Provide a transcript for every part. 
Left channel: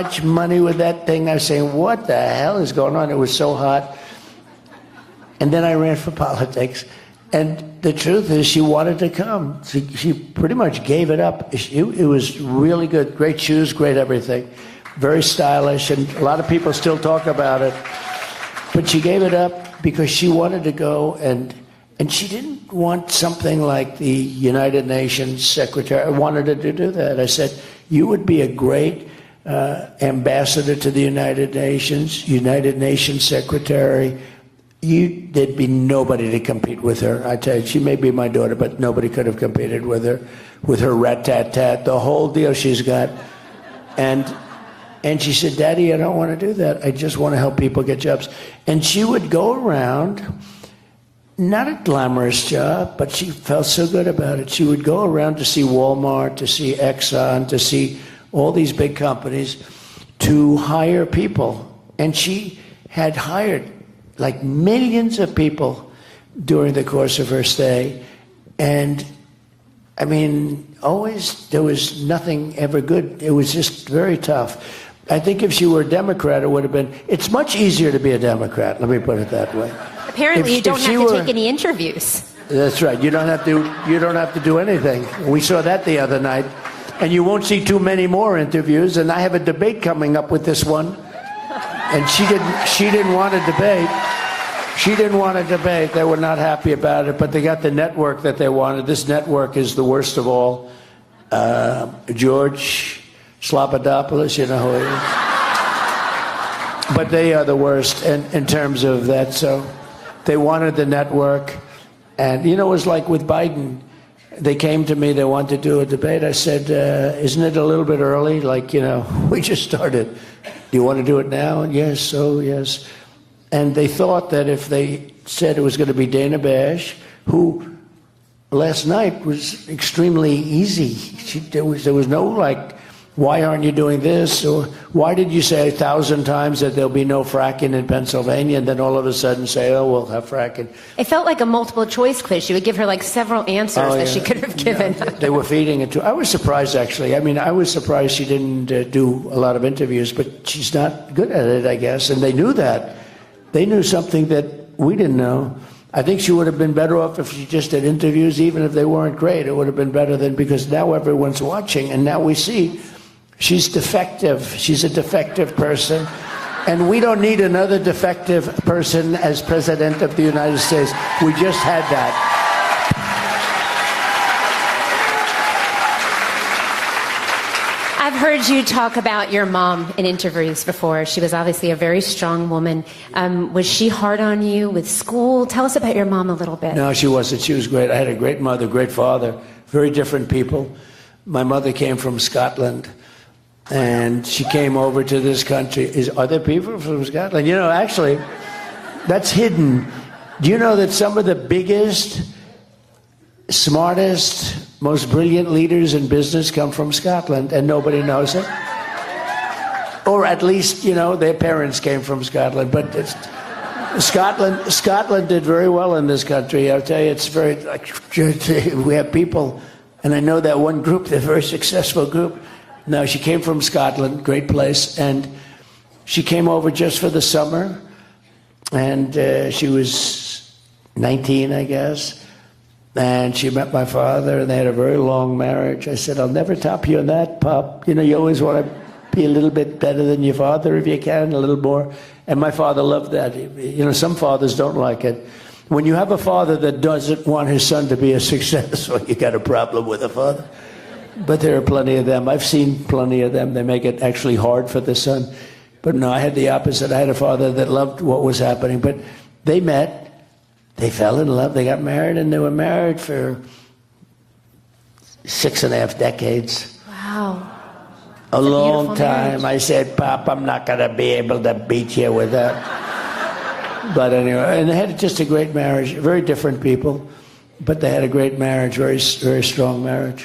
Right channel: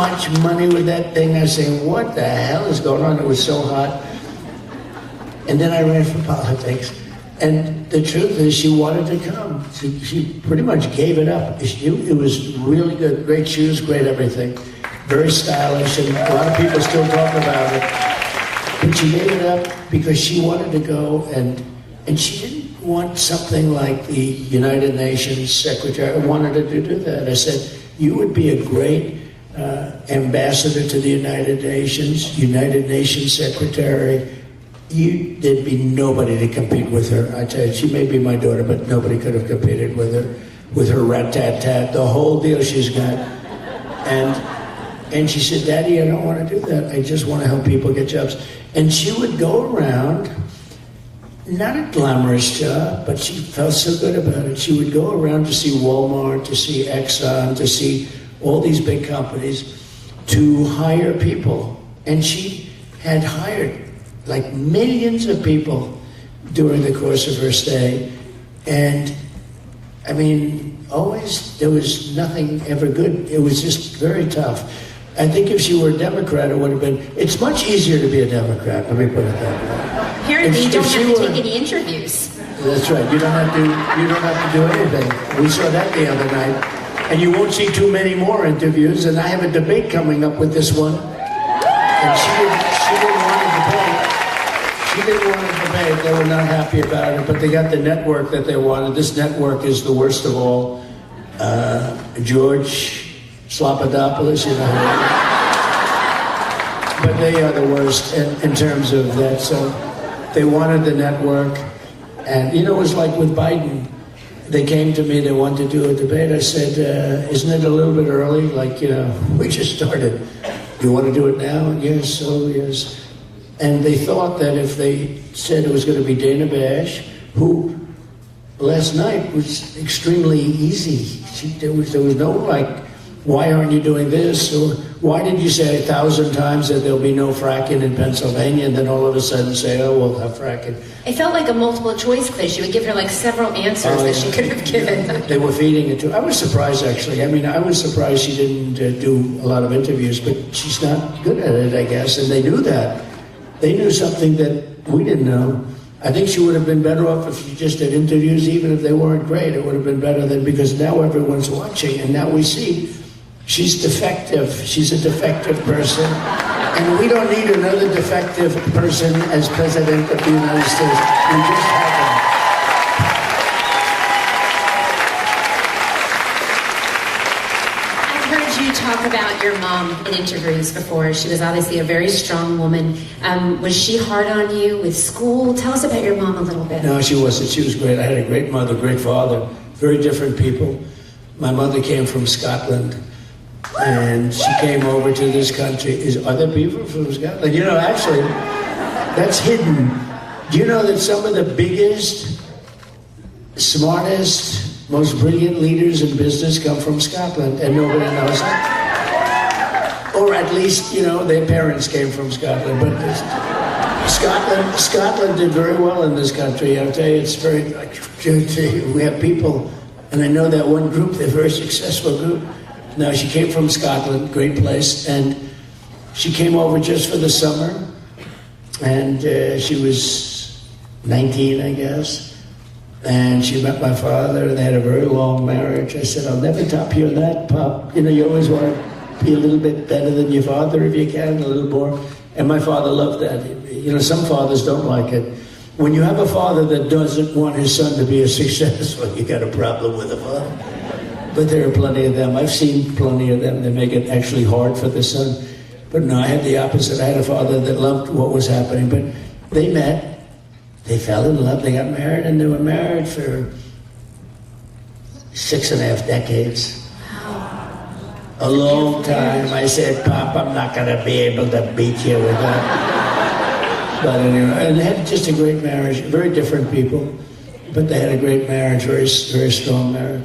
much money with that thing. I say, what the hell is going on? It was so hot. And then I ran for politics. And the truth is, she wanted to come. She pretty much gave it up. It was really good. Great shoes, great everything. Very stylish, and a lot of people still talk about it. But she gave it up because she wanted to go, and she didn't want something like the United Nations Secretary. I wanted her to do that. I said, you would be a great ambassador to the United Nations Secretary. There'd be nobody to compete with her. I tell you, she may be my daughter, but nobody could have competed with her rat-tat-tat, the whole deal she's got. And she said, Daddy, I don't want to do that. I just want to help people get jobs. And she would go around, not a glamorous job, but she felt so good about it. She would go around to see Walmart, to see Exxon, to see all these big companies, to hire people. And she had hired like millions of people during the course of her stay. And I mean, always there was nothing ever good. It was just very tough. I think if she were a Democrat, it would have been, it's much easier to be a Democrat, let me put it that way. Apparently you don't have to take any interviews. That's right, you don't have to do anything. We saw that the other night. And you won't see too many more interviews, and I have a debate coming up with this one. And she didn't want a debate. She didn't want a debate. They were not happy about it, but they got the network that they wanted. This network is the worst of all. George Slopadopoulos, you know. But they are the worst in terms of that. So they wanted the network. And you know, it was like with Biden. They came to me, they wanted to do a debate. I said, isn't it a little bit early? Like, you know, we just started. You want to do it now? Yes, so yes. And they thought that if they said it was going to be Dana Bash, who last night was extremely easy. There was no like, why aren't you doing this? Or why did you say 1,000 times that there'll be no fracking in Pennsylvania, and then all of a sudden say, oh, we'll have fracking? It felt like a multiple choice quiz. You would give her like several answers that she could have given. They were feeding it to her. I was surprised, actually. I mean, I was surprised she didn't do a lot of interviews, but she's not good at it, I guess, and they knew that. They knew something that we didn't know. I think she would have been better off if she just did interviews, even if they weren't great. It would have been better than, because now everyone's watching, and now we see she's defective. She's a defective person. And we don't need another defective person as President of the United States. We just had that. I've heard you talk about your mom in interviews before. She was obviously a very strong woman. Was she hard on you with school? Tell us about your mom a little bit. No, she wasn't. She was great. I had a great mother, great father, very different people. My mother came from Scotland. And she came over to this country. These other people from Scotland. You know, actually, that's hidden. Do you know that some of the biggest, smartest, most brilliant leaders in business come from Scotland, and nobody knows it? Or at least, you know, their parents came from Scotland. But Scotland did very well in this country. I'll tell you, it's very, like, we have people, and I know that one group, they're a very successful group. No, she came from Scotland, great place, and she came over just for the summer, and she was 19, I guess, and she met my father, and they had a very long marriage. I said, I'll never top you on that, Pop. You know, you always want to be a little bit better than your father if you can, a little more, and my father loved that. You know, some fathers don't like it. When you have a father that doesn't want his son to be a success, well, you got a problem with a father. But there are plenty of them. I've seen plenty of them. They make it actually hard for the son. But no, I had the opposite. I had a father that loved what was happening. But they met, they fell in love, they got married, and they were married for 6.5 decades. Wow. A long time. I said, Pop, I'm not going to be able to beat you with that. But anyway, and they had just a great marriage. Very different people. But they had a great marriage, very, very strong marriage.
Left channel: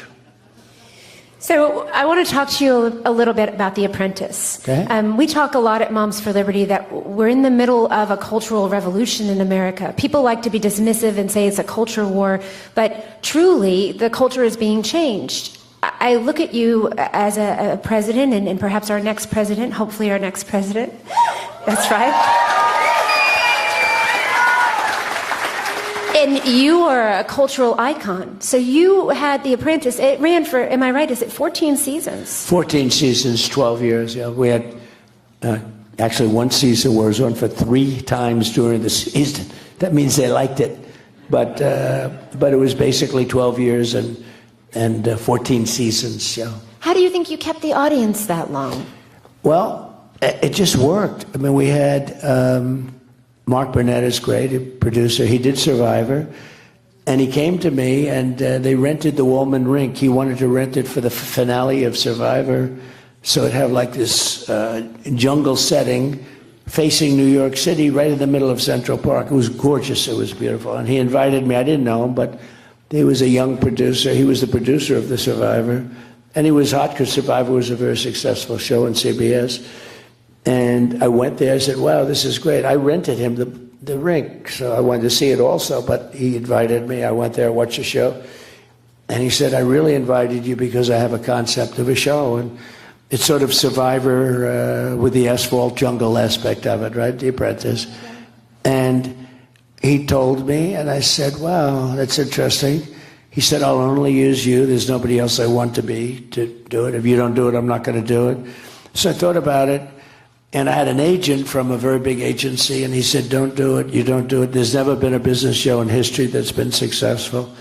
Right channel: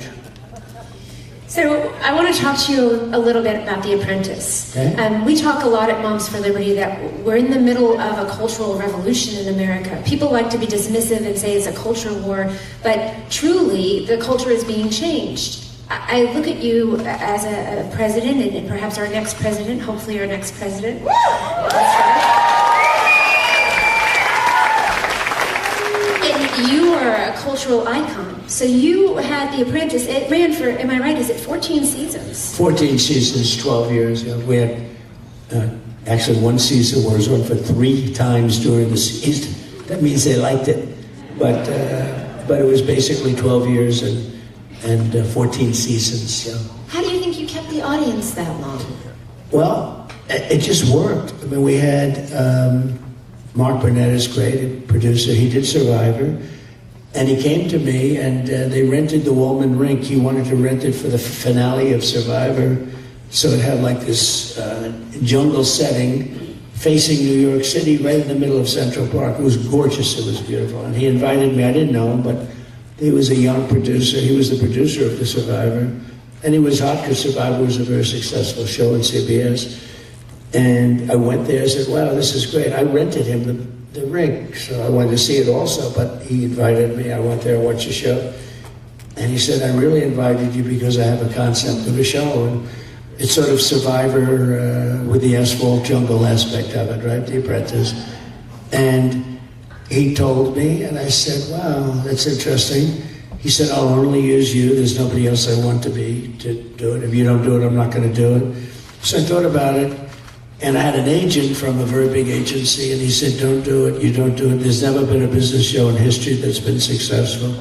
So I want to talk to you a little bit about The Apprentice. Okay. We talk a lot at Moms for Liberty that we're in the middle of a cultural revolution in America. People like to be dismissive and say it's a culture war, but truly the culture is being changed. I look at you as a president, and perhaps our next president, hopefully our next president. That's right. And you are a cultural icon. So you had The Apprentice. It ran for, am I right, is it 14 seasons? 14 seasons, 12 years. We had actually one season where it was on for 3 times during the season. That means they liked it. But it was basically 12 years and 14 seasons. So. How do you think you kept the audience that long? Well, it just worked. I mean, we had Mark Burnett is great producer. He did Survivor, and he came to me, and they rented the Woolman Rink. He wanted to rent it for the finale of Survivor, so it had like this jungle setting facing New York City, right in the middle of Central Park. It was gorgeous. It was beautiful. And he invited me. I didn't know him, but he was a young producer. He was the producer of the Survivor, and it was hot because Survivor was a very successful show on CBS. And I went there and said, wow, this is great. I rented him the rink, so I wanted to see it also, but he invited me. I went there and watched the show. And he said, I really invited you because I have a concept of a show. And it's sort of Survivor with the asphalt jungle aspect of it, right? The Apprentice. And he told me, and I said, wow, that's interesting. He said, I'll only use you. There's nobody else I want to do it. If you don't do it, I'm not going to do it. So I thought about it. And I had an agent from a very big agency, and he said, don't do it, you don't do it. There's never been a business show in history that's been successful.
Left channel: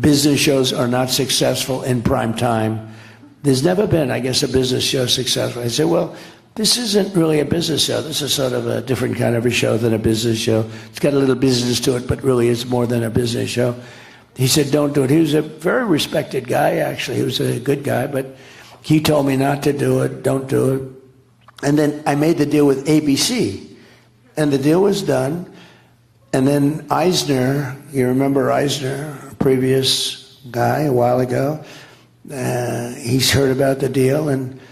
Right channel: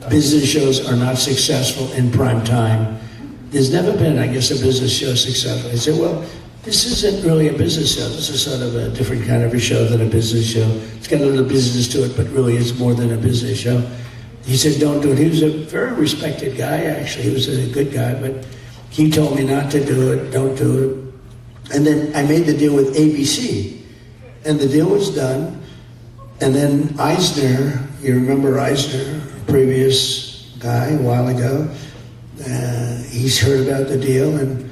Business shows are not successful in prime time. There's never been, I guess, a business show successful. I said, well, this isn't really a business show. This is sort of a different kind of a show than a business show. It's got a little business to it, but really it's more than a business show. He said, don't do it. He was a very respected guy, actually. He was a good guy, but he told me not to do it, don't do it. And then I made the deal with ABC, and the deal was done. And then Eisner, you remember Eisner, previous guy a while ago, he's heard about the deal, and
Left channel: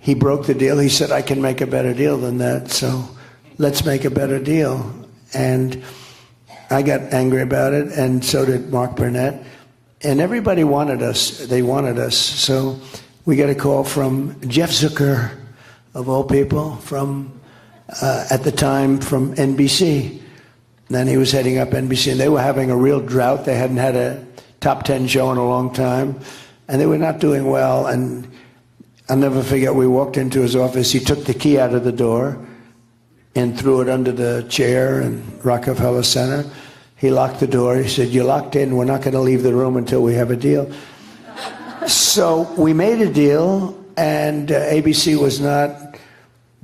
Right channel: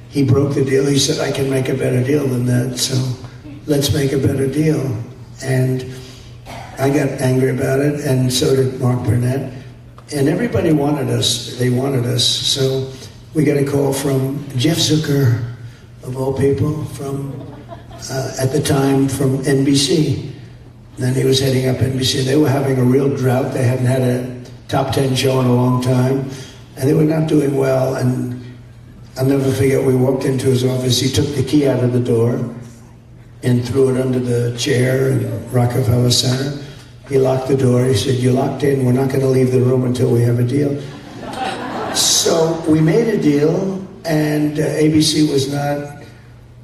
he broke the deal. He said, I can make a better deal than that, so let's make a better deal. And I got angry about it, and so did Mark Burnett. And everybody wanted us. They wanted us. So we got a call from Jeff Zucker, of all people, from, at the time, from NBC. Then he was heading up NBC. They were having a real drought. They hadn't had a top 10 show in a long time. And they were not doing well. And I'll never forget, we walked into his office. He took the key out of the door and threw it under the chair in Rockefeller Center. He locked the door. He said, you're locked in. We're not going to leave the room until we have a deal. So we made a deal. And ABC was not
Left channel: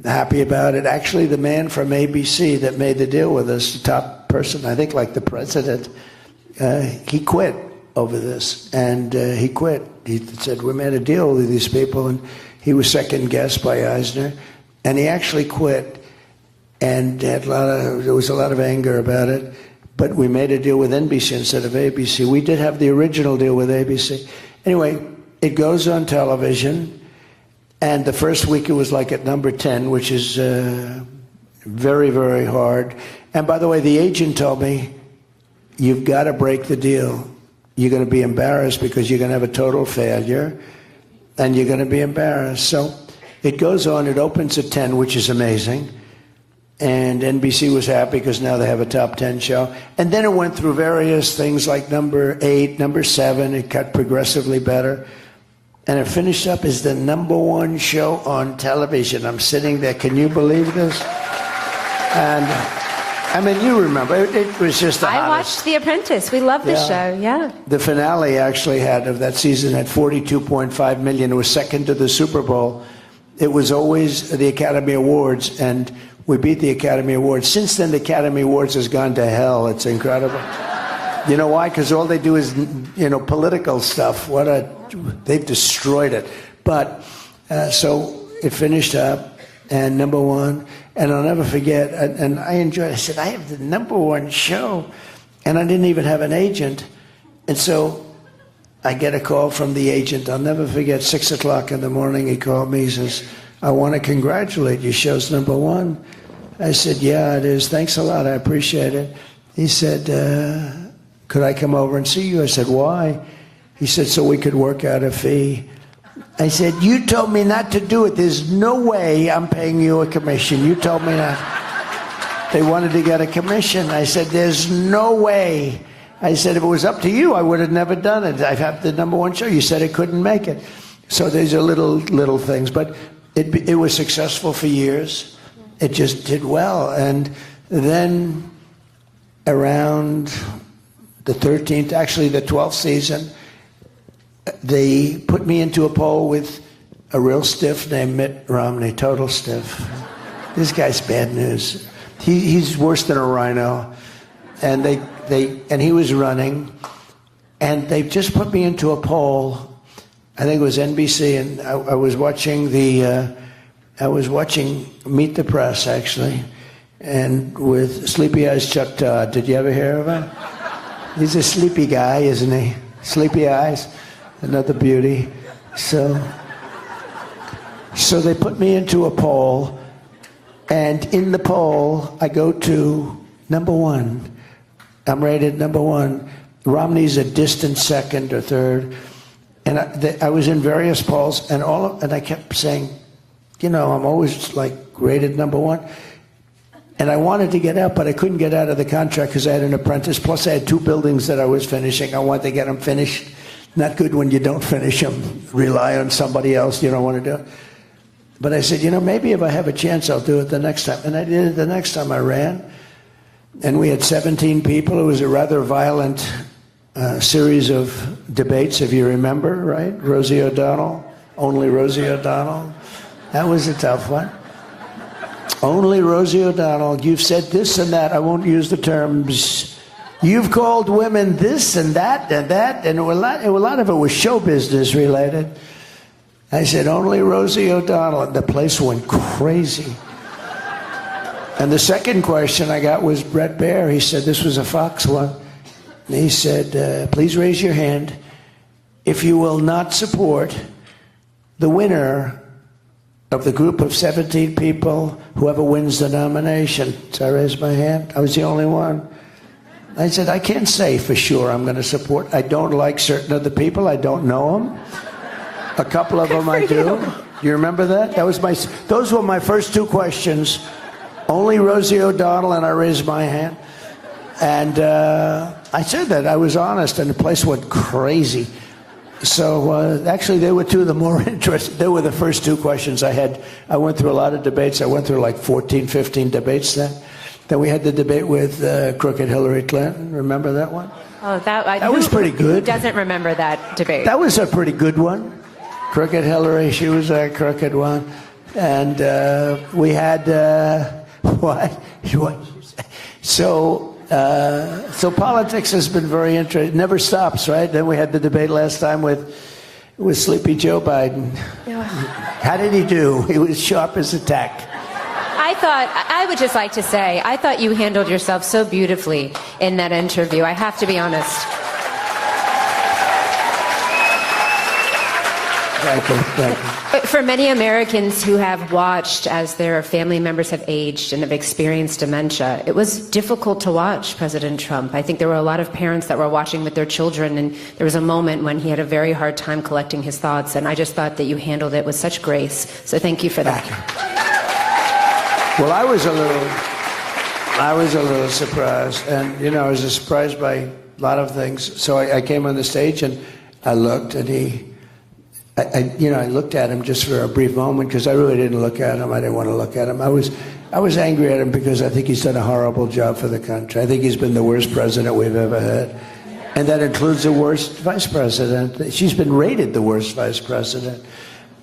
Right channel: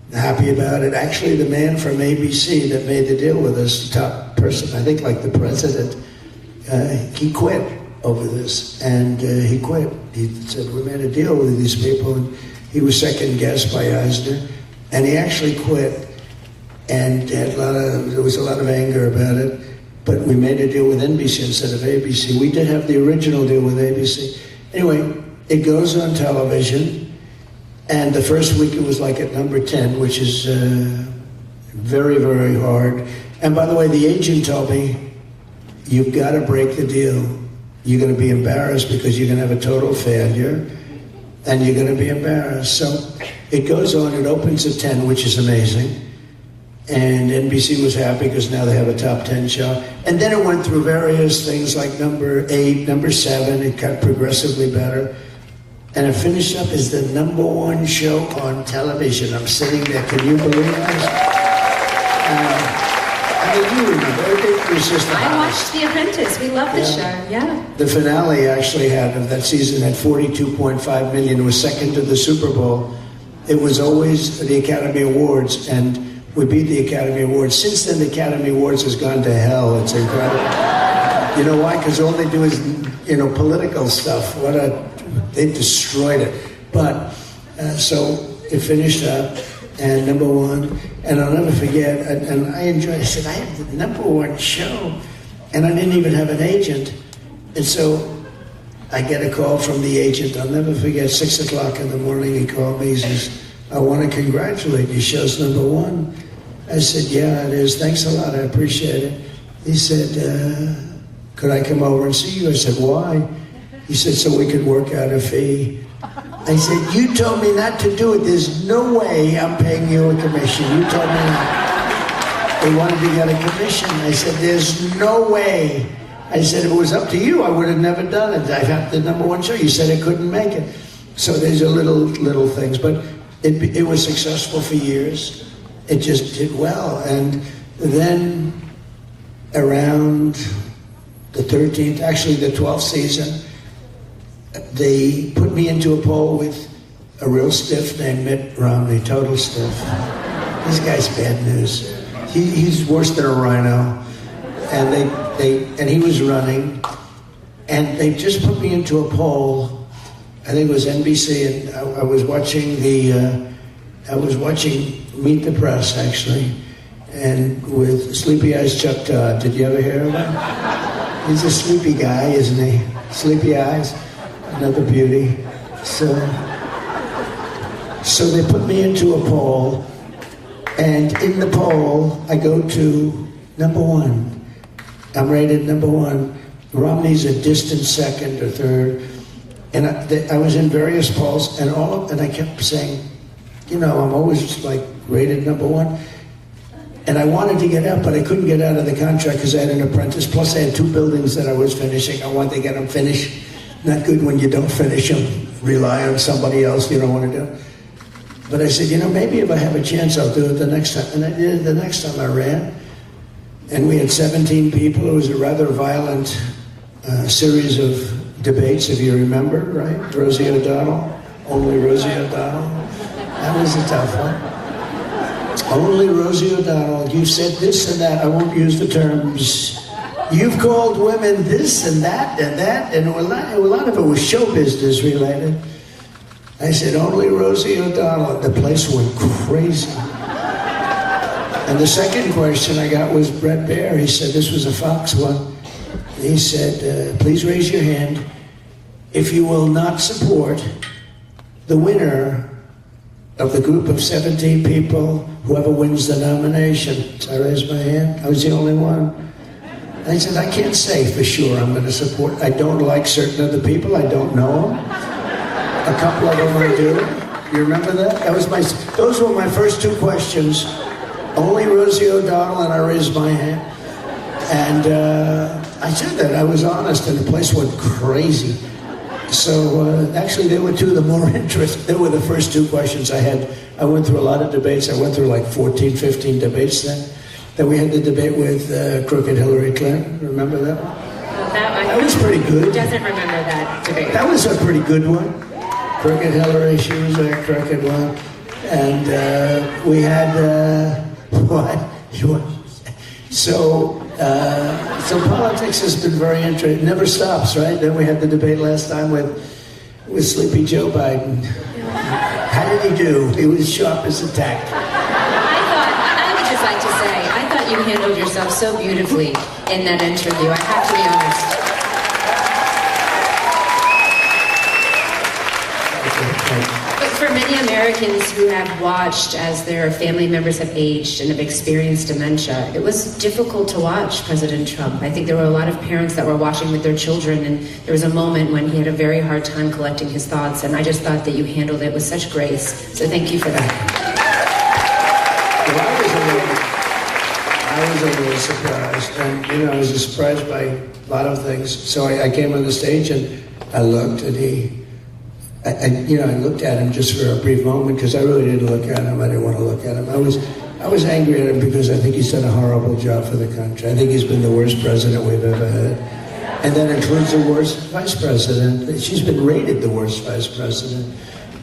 happy about it. Actually, the man from ABC that made the deal with us, top person, I think like the president, he quit over this. And he quit. He said, we made a deal with these people. And he was second guessed by Eisner. And he actually quit. And there was a lot of anger about it. But we made a deal with NBC instead of ABC. We did have the original deal with ABC. Anyway, it goes on television. And the first week it was like at number 10, which is very, very hard. And by the way, the agent told me, you've got to break the deal. You're going to be embarrassed because you're going to have a total failure, and you're going to be embarrassed. So it goes on, it opens at 10, which is amazing. And NBC was happy because now they have a top 10 show. And then it went through various things like number 8, number 7, it got progressively better. And it finished up as the number 1 show on television. I'm sitting there, can you believe this? I mean, you remember, it was just... I watched The Apprentice, we love the show, yeah. The finale actually had, of that season, at $42.5 million. It was second to the Super Bowl. It was always the Academy Awards, and we beat the Academy Awards. Since then, the Academy Awards has gone to hell. It's incredible. You know why? Because all they do is, political stuff. They destroyed it. But, so it finished up, and number 1, and I'll never forget, and I enjoyed it. I said, I had the number 1 show, and I didn't even have an agent. And so I get a call from the agent. I'll never forget, 6 o'clock in the morning, he called me. He says, I want to congratulate you. Show's number 1. I said, yeah, it is. Thanks a lot. I appreciate it. He said, could I come over and see you? I said, why? He said, so we could work out a fee. I said, you told me not to do it. There's no way I'm paying you a commission. You told me that they wanted to get a commission. I said, there's no way. I said, if it was up to you, I would have never done it. I got the #1 show. You said I couldn't make it. So there's a little things. But it was successful for years. It just did well. And then around the 13th, actually the 12th season, they put me into a poll with a real stiff named Mitt Romney, total stiff. This guy's bad news. He's worse than a rhino. And he was running, and they just put me into a poll. I think it was NBC, and I was watching Meet the Press, actually, and with Sleepy Eyes Chuck Todd. Did you ever hear of him? He's a sleepy guy, isn't he? Sleepy Eyes, another beauty. So they put me into a poll, and in the poll, I go to #1. I'm rated #1. Romney's a distant second or third. And I was in various polls, and I kept saying, I'm always like rated #1. And I wanted to get out, but I couldn't get out of the contract because I had an apprentice. Plus, I had 2 buildings that I was finishing. I wanted to get them finished. Not good when you don't finish them. Rely on somebody else. You don't want to do it. But I said, maybe if I have a chance, I'll do it the next time. And I did it the next time I ran. And we had 17 people. It was a rather violent series of debates, if you remember, right? Rosie O'Donnell, only Rosie O'Donnell. That was a tough one. Only Rosie O'Donnell. You've said this and that. I won't use the terms. You've called women this and that and that. And a lot of it was show business related. I said, only Rosie O'Donnell. And the place went crazy. And the second question I got was Brett Baer. He said, this was a Fox one. And he said, please raise your hand if you will not support the winner of the group of 17 people, whoever wins the nomination. So I raised my hand. I was the only one. I said, I can't say for sure I'm going to support. I don't like certain other people. I don't know them. A couple of them I do. You remember that? Those were my first 2 questions. Only Rosie O'Donnell, and I raised my hand. And I said that. I was honest, and the place went crazy. So actually, they were 2 of the more interesting. They were the first 2 questions I had. I went through a lot of debates. I went through like 14, 15 debates then. Then we had the debate with crooked Hillary Clinton. Remember that one? Oh, that was pretty good. Doesn't remember that debate. That was a pretty good one. Crooked Hillary, she was a crooked one. And we had... What? So politics has been very interesting. It never stops, right? Then we had the debate last time with Sleepy Joe Biden. How did he do? He was sharp as a tack. I would just like to say, I thought you handled yourself so beautifully in that interview. I have to be honest. But for many Americans who have watched as their family members have aged and have experienced dementia, it was difficult to watch President Trump. I think there were a lot of parents that were watching with their children, and there was a moment when he had a very hard time collecting his thoughts, and I just thought that you handled it with such grace. So thank you for that. Well, I was a little surprised, and I was surprised by a lot of things. So I came on the stage and I looked, and I looked at him just for a brief moment because I really didn't look at him. I didn't want to look at him. I was angry at him because I think he's done a horrible job for the country. I think he's been the worst president we've ever had. And that includes the worst vice president. She's been rated the worst vice president.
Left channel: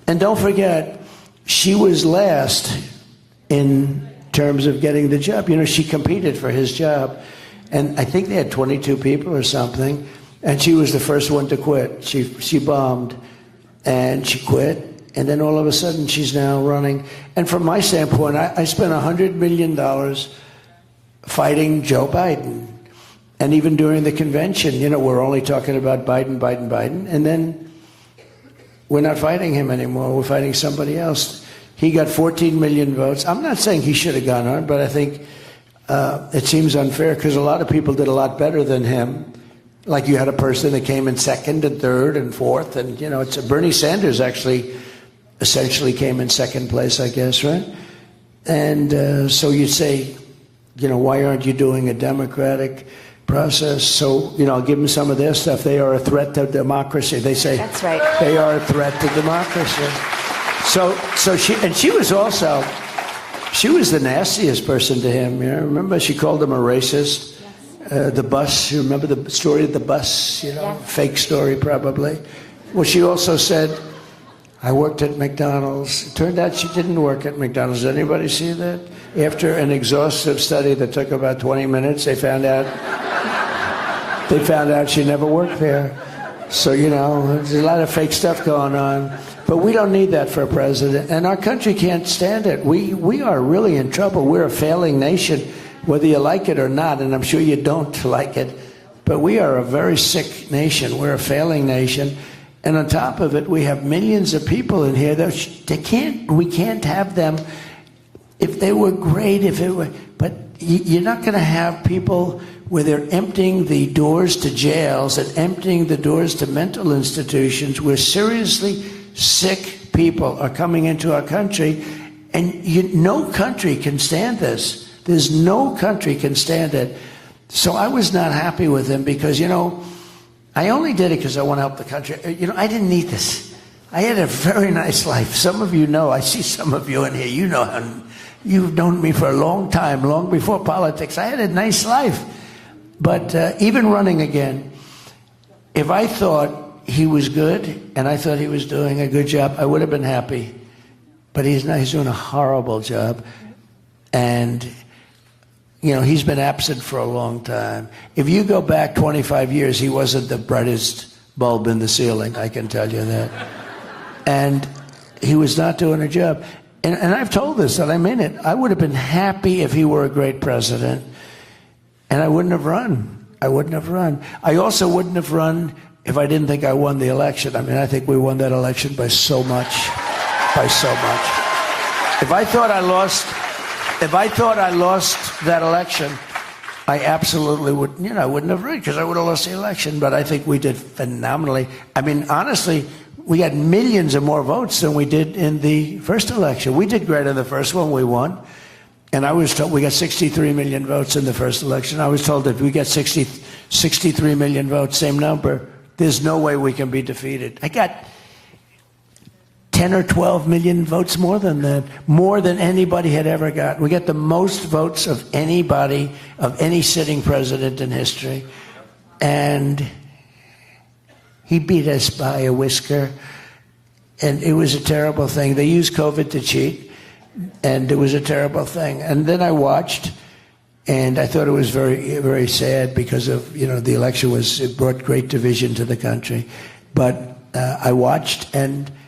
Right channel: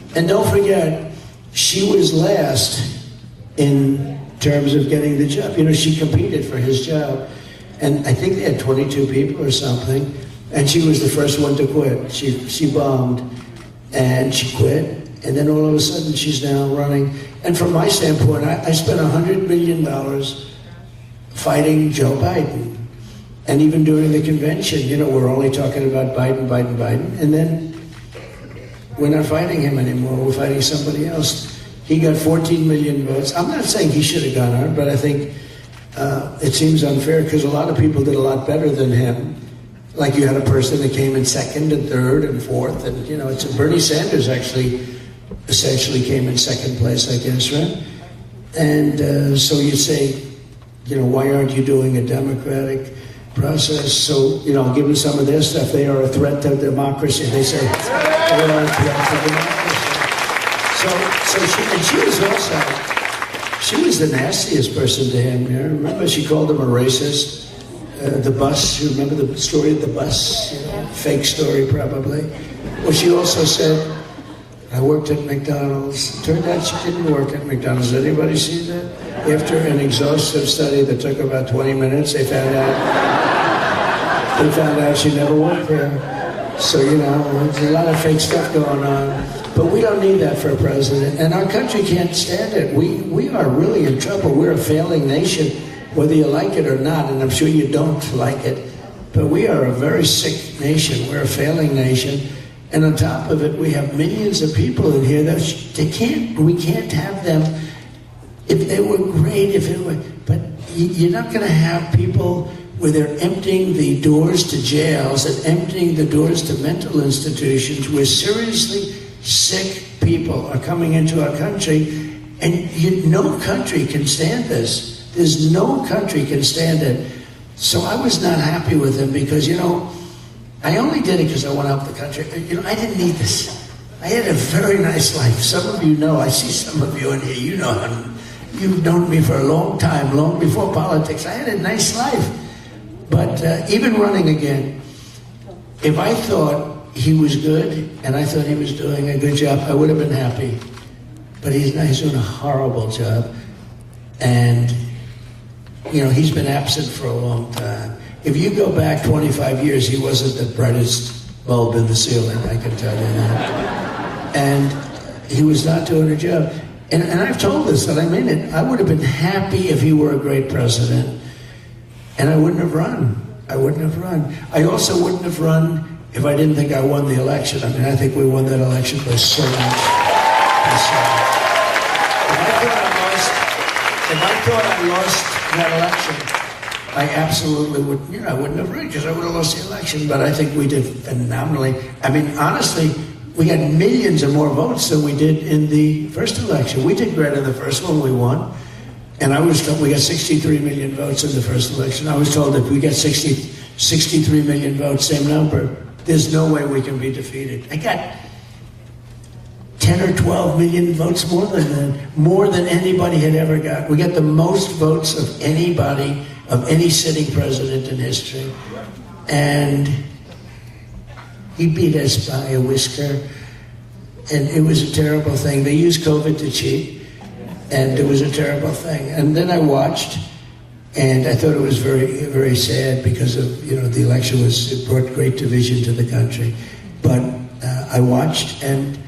And don't forget, she was last in terms of getting the job. She competed for his job. And I think they had 22 people or something. And she was the first one to quit. She bombed. And she quit, and then all of a sudden she's now running. And from my standpoint, I spent $100 million fighting Joe Biden. And even during the convention, we're only talking about Biden. And then we're not fighting him anymore. We're fighting somebody else. He got 14 million votes. I'm not saying he should have gone on, but I think it seems unfair because a lot of people did a lot better than him. Like you had a person that came in second and third and fourth, and it's Bernie Sanders actually essentially came in second place, I guess, right? And so you say, why aren't you doing a democratic process? So, I'll give them some of their stuff. They are a threat to democracy. They say they are a threat to democracy. So she was the nastiest person to him. Remember, she called him a racist. The bus, you remember the story of the bus? Fake story, probably. Well, she also said, I worked at McDonald's. Turned out she didn't work at McDonald's. Did anybody see that? After an exhaustive study that took about 20 minutes, they found out she never worked there. So, there's a lot of fake stuff going on. But we don't need that for a president. And our country can't stand it. We are really in trouble. We're a failing nation, whether you like it or not, and I'm sure you don't like it. But we are a very sick nation. We're a failing nation. And on top of it, we have millions of people in here. We can't have them. If they were great, but you're not going to have people where they're emptying the doors to jails and emptying the doors to mental institutions where seriously sick people are coming into our country, and no country can stand this. There's no country can stand it. So I was not happy with it because, I only did it because I want to help the country. I didn't need this. I had a very nice life. Some of you know, I see some of you in here, you know, you've known me for a long time, long before politics. I had a nice life. But even running again, if I thought he was good and I thought he was doing a good job, I would have been happy. But he's doing a horrible job. And, he's been absent for a long time. If you go back 25 years, he wasn't the brightest bulb in the ceiling, I can tell you that. And he was not doing a job. And I've told this, and I mean it, I would have been happy if he were a great president. And I wouldn't have run. I also wouldn't have run if I didn't think I won the election. I think we won that election by so much. If I thought I lost that election, I absolutely wouldn't. I wouldn't have run because I would have lost the election. But I think we did phenomenally. Honestly, we had millions of more votes than we did in the first election. We did great in the first one. We won. And I was told we got 63 million votes in the first election. I was told that if we get 63 million votes, same number, there's no way we can be defeated. I got 10 or 12 million votes more than them, more than anybody had ever got. We got the most votes of anybody, of any sitting president in history. And he beat us by a whisker. And it was a terrible thing. They used COVID to cheat. And it was a terrible thing. And then I watched, and I thought it was very, very sad because of, the election it brought great division to the country. But I watched, and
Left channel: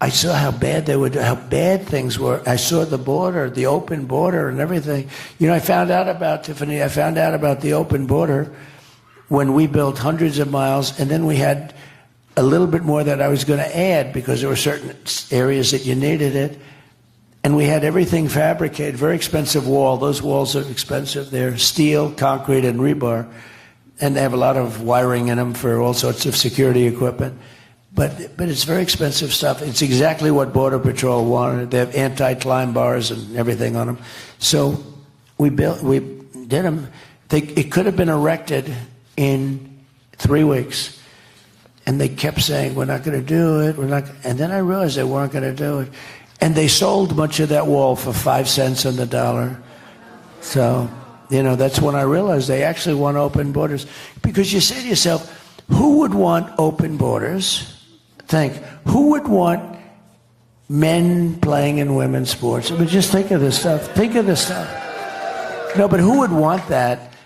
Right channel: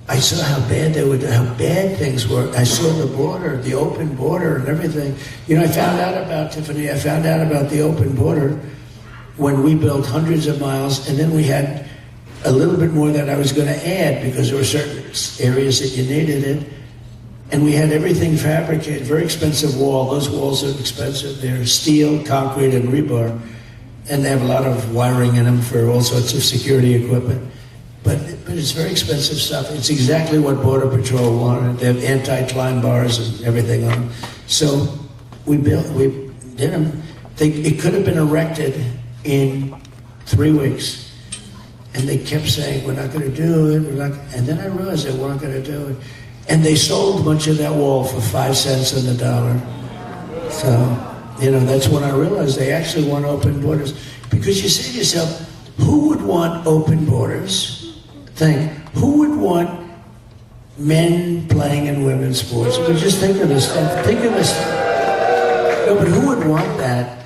I saw how bad things were. I saw the border, the open border, and everything. I found out about the open border when we built hundreds of miles, and then we had a little bit more that I was going to add because there were certain areas that you needed it. And we had everything fabricated, very expensive wall. Those walls are expensive. They're steel, concrete, and rebar. And they have a lot of wiring in them for all sorts of security equipment. But it's very expensive stuff. It's exactly what Border Patrol wanted. They have anti-climb bars and everything on them. So we did them. It could have been erected in 3 weeks. And they kept saying, we're not going to do it. And then I realized they weren't going to do it. And they sold a bunch of that wall for 5 cents on the dollar. So, that's when I realized they actually want open borders. Because you say to yourself, who would want open borders? Who would want men playing in women's sports? Just think of this stuff. No, but who would want that?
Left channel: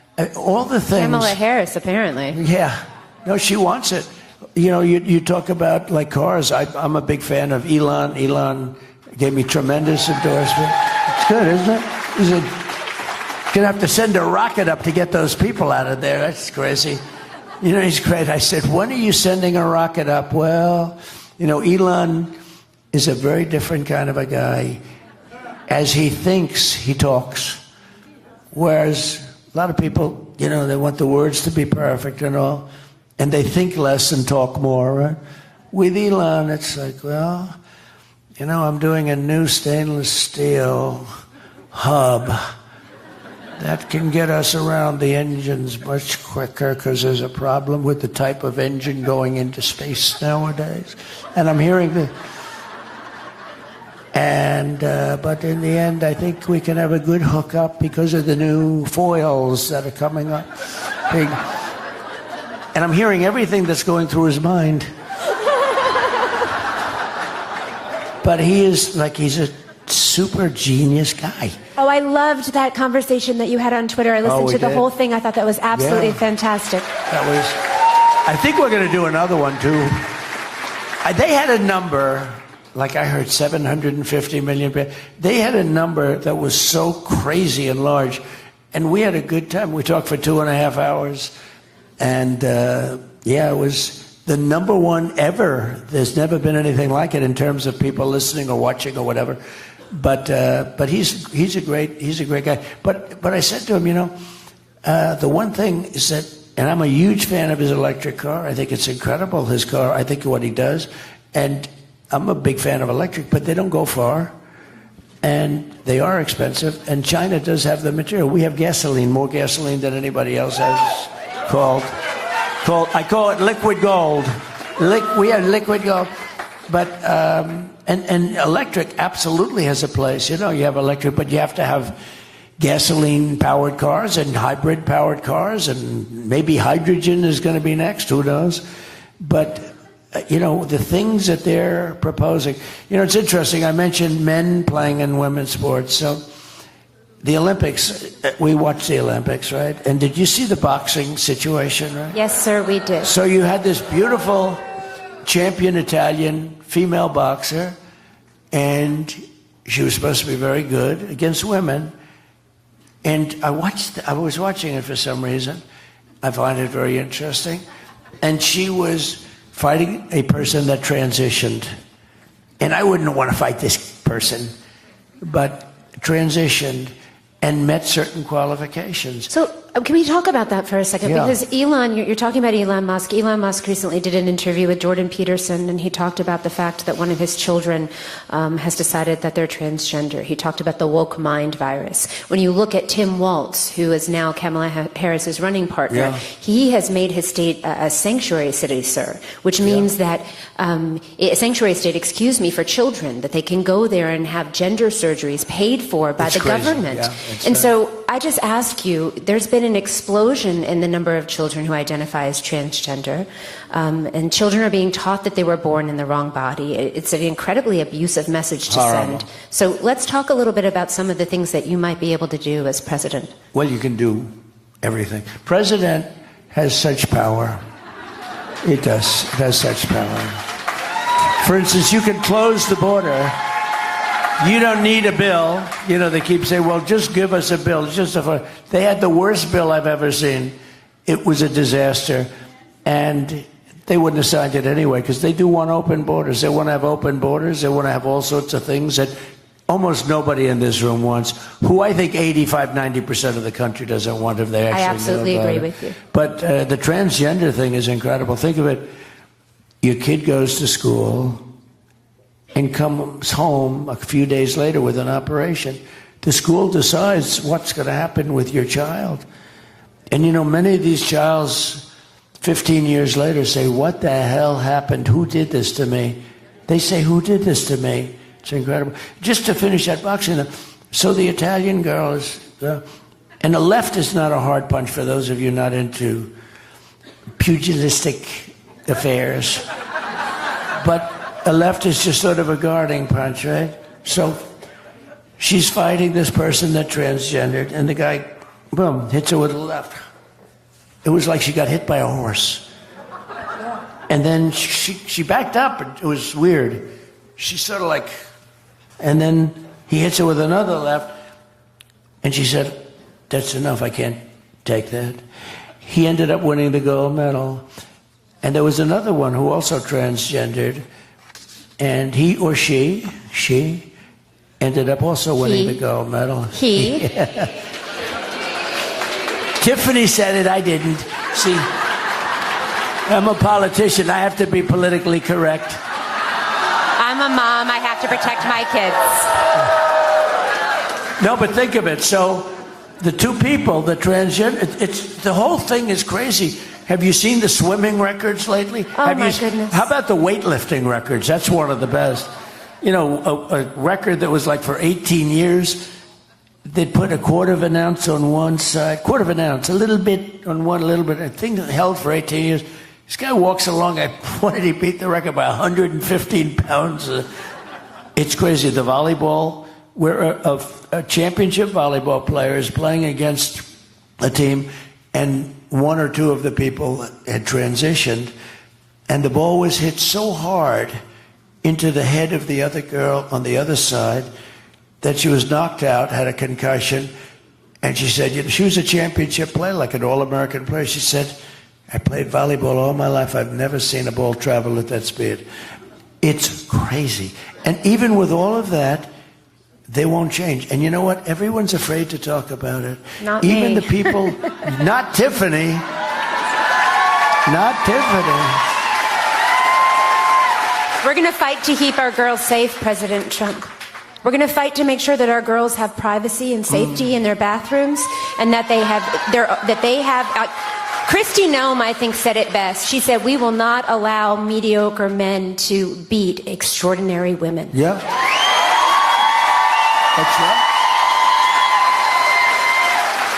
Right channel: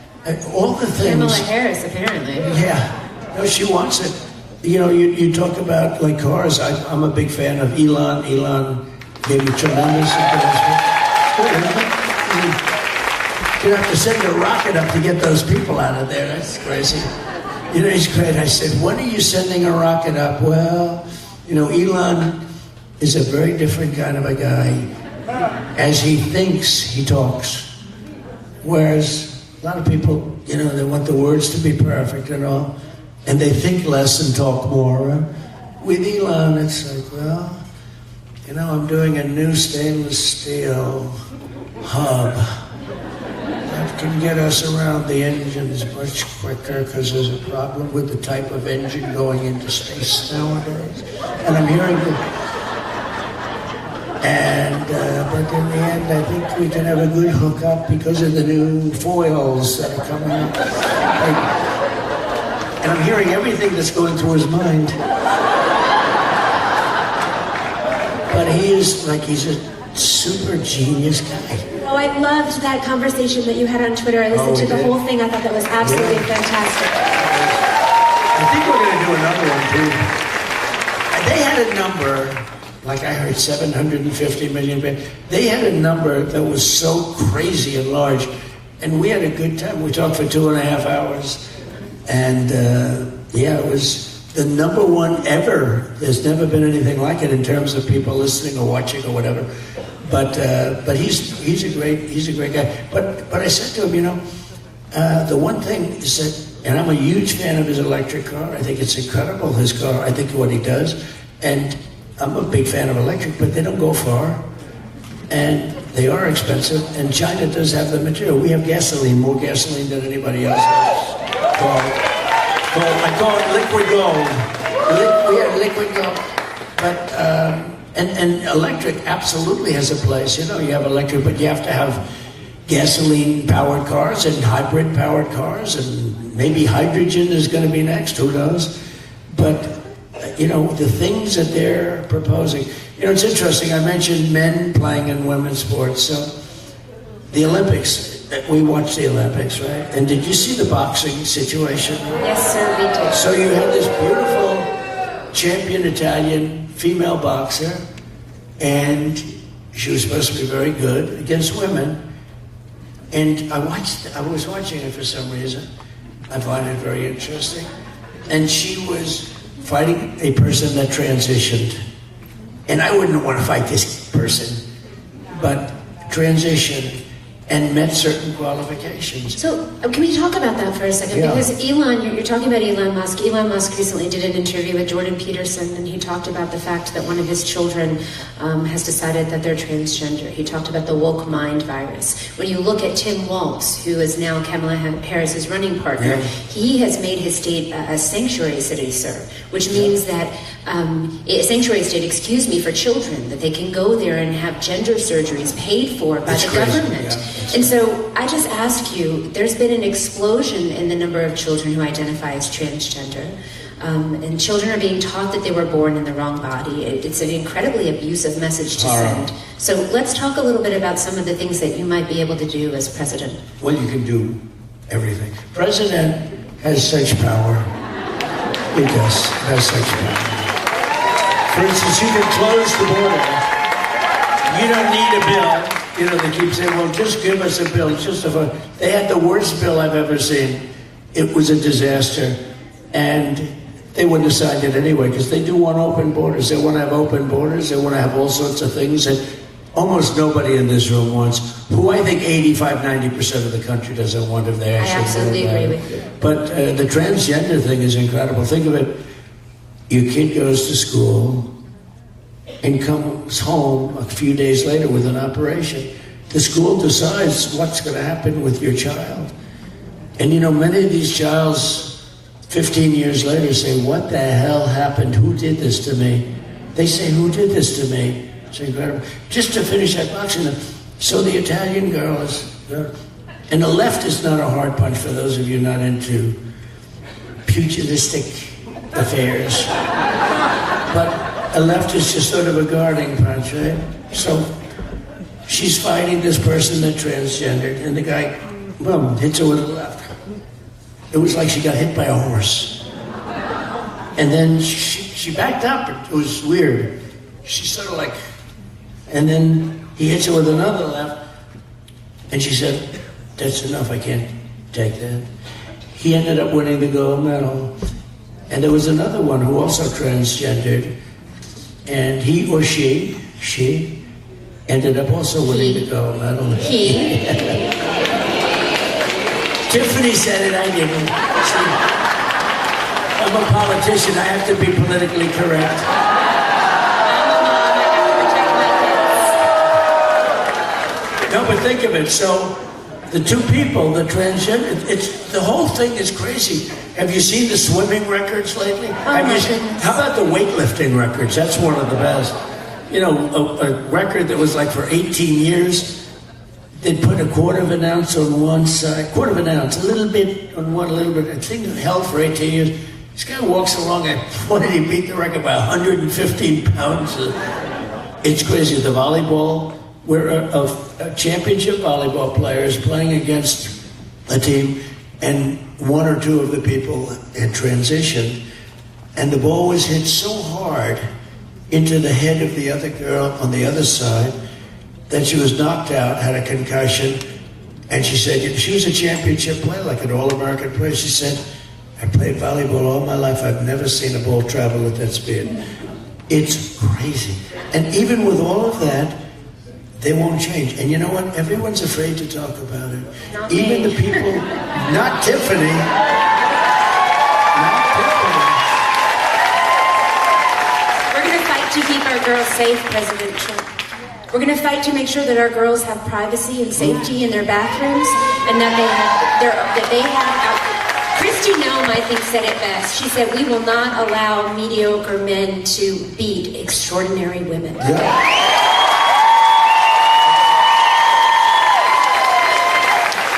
All the things. Kamala Harris, apparently. Yeah. No, she wants it. You talk about like cars. I'm a big fan of Elon. Elon gave me tremendous endorsement. It's good, isn't it? You're going to have to send a rocket up to get those people out of there. It's crazy. It's great. I said, what are you sending a rocket up? Well, Elon is a very different kind of a guy. As he thinks, he talks. Whereas a lot of people, they want the words to be perfect and all. and they think less and talk more. With Elon, it's like, well, you know, I'm doing a new stainless steel hub that can get us around the engines much quicker because there's a problem with the type of engine going into space nowadays. And I'm hearing it. And but in the end, I think we can have a good hookup because of the new foils that are coming up. And I'm hearing everything that's going through his mind. But he's a super genius guy. Oh, I loved that conversation that you had on Twitter. I listened to the whole thing. I thought that was absolutely fantastic. I think we're going to do another one, too. They had a number, like I heard 750 million. They had a number that was so crazy and large. And we had a good time. We talked for 2.5 hours. And, it was the number one ever. There's never been anything like it in terms of people listening or watching or whatever. But he's a great guy. But I said to him, the one thing is that, and I'm a huge fan of his electric car. I think it's incredible, this car. I think what he does. And I'm a big fan of electric, but they don't go far. And they are expensive. And China does have the material. We have gasoline, more gasoline than anybody else has. I call it liquid gold. We are liquid gold. But, and electric absolutely has a place. You have electric, but you have to have gasoline-powered cars and hybrid-powered cars, and maybe hydrogen is going to be next, who knows? But, the things that they're proposing. It's interesting. I mentioned men playing in women's sports. So the Olympics, we watched the Olympics, right? And did you see the boxing situation? Yes, sir, we did. So you had this beautiful champion Italian female boxer, and she was supposed to be very good against women. And I was watching it for some reason. I find it very interesting. And she was fighting a person that transitioned. And I wouldn't want to fight this person, but transitioned and met certain qualifications. So, can we talk about that for a second? Yeah. Because you're talking about Elon Musk. Elon Musk recently did an interview with Jordan Peterson, and he talked about the fact that one of his children has decided that they're transgender. He talked about the woke mind virus. When you look at Tim Walz, who is now Kamala Harris's running partner, he has made his state a sanctuary city, sir, which means that a sanctuary state, for children, that they can go there and have gender surgeries paid for by the government. And so I just ask you, there's been an explosion in the number of children who identify as transgender, and children are being taught that they were born in the wrong body. It's an incredibly abusive message to send. So let's talk a little bit about some of the things that you might be able to do as president. Well, you can do everything. President has such power. He has such power. For instance, you can close the border. You don't need a bill. They keep saying, well, just give us a bill. It's just a vote. They had the worst bill I've ever seen. It was a disaster. And they wouldn't have signed it anyway, because they do want open borders. They want to have open borders. They want to have all sorts of things that almost nobody in this room wants, who I think 85-90% of the country doesn't want if they actually. I absolutely agree with you. But the transgender thing is incredible. Think of it. Your kid goes to school and comes home a few days later with an operation. The school decides what's going to happen with your child. And many of these childs, 15 years later, say, what the hell happened? Who did this to me? They say, who did this to me? It's incredible. Just to finish that boxing, so the Italian girls, and the left is not a hard punch for those of you not into pugilistic affairs. But a left is just sort of a guarding punch, right? So she's fighting this person that's transgender, and the guy, boom, hits her with a left. It was like she got hit by a horse. And then she backed up. It was weird. She sort of like, and then he hits her with another left, and she said, that's enough, I can't take that. He ended up winning the gold medal. And there was another one who also transgendered, and he or she ended up also winning the gold medal. Tiffany said it, I didn't. I'm a politician. I have to be politically correct. I'm a mom. I have to protect my kids. No, but think of it. So the two people, the transgender, the whole thing is crazy. Have you seen the swimming records lately? How about the weightlifting records? That's one of the best. You know, a record that was like for 18 years. They put a quarter of an ounce on one side, quarter of an ounce, a little bit on one, a little bit. I think it held for 18 years. This guy walks along at 20, beating the record by 115 pounds. It's crazy. The volleyball, we're a championship volleyball players playing against a team, and one or two of the people had transitioned, and the ball was hit so hard into the head of the other girl on the other side that she was knocked out, had a concussion, and she said, if she was a championship player, like an All-American player, she said, I played volleyball all my life, I've never seen a ball travel with that speed. It's crazy. And even with all of that, they won't change. And you know what? Everyone's afraid to talk about it. Even the people, not Tiffany. Not Tiffany. We're going to fight to keep our girls safe, President Trump. We're going to fight to make sure that our girls have privacy and safety in their bathrooms, and that they have. Christy Nome, I think, said it best. She said, "We will not allow mediocre men to beat extraordinary women." Yeah. That's right.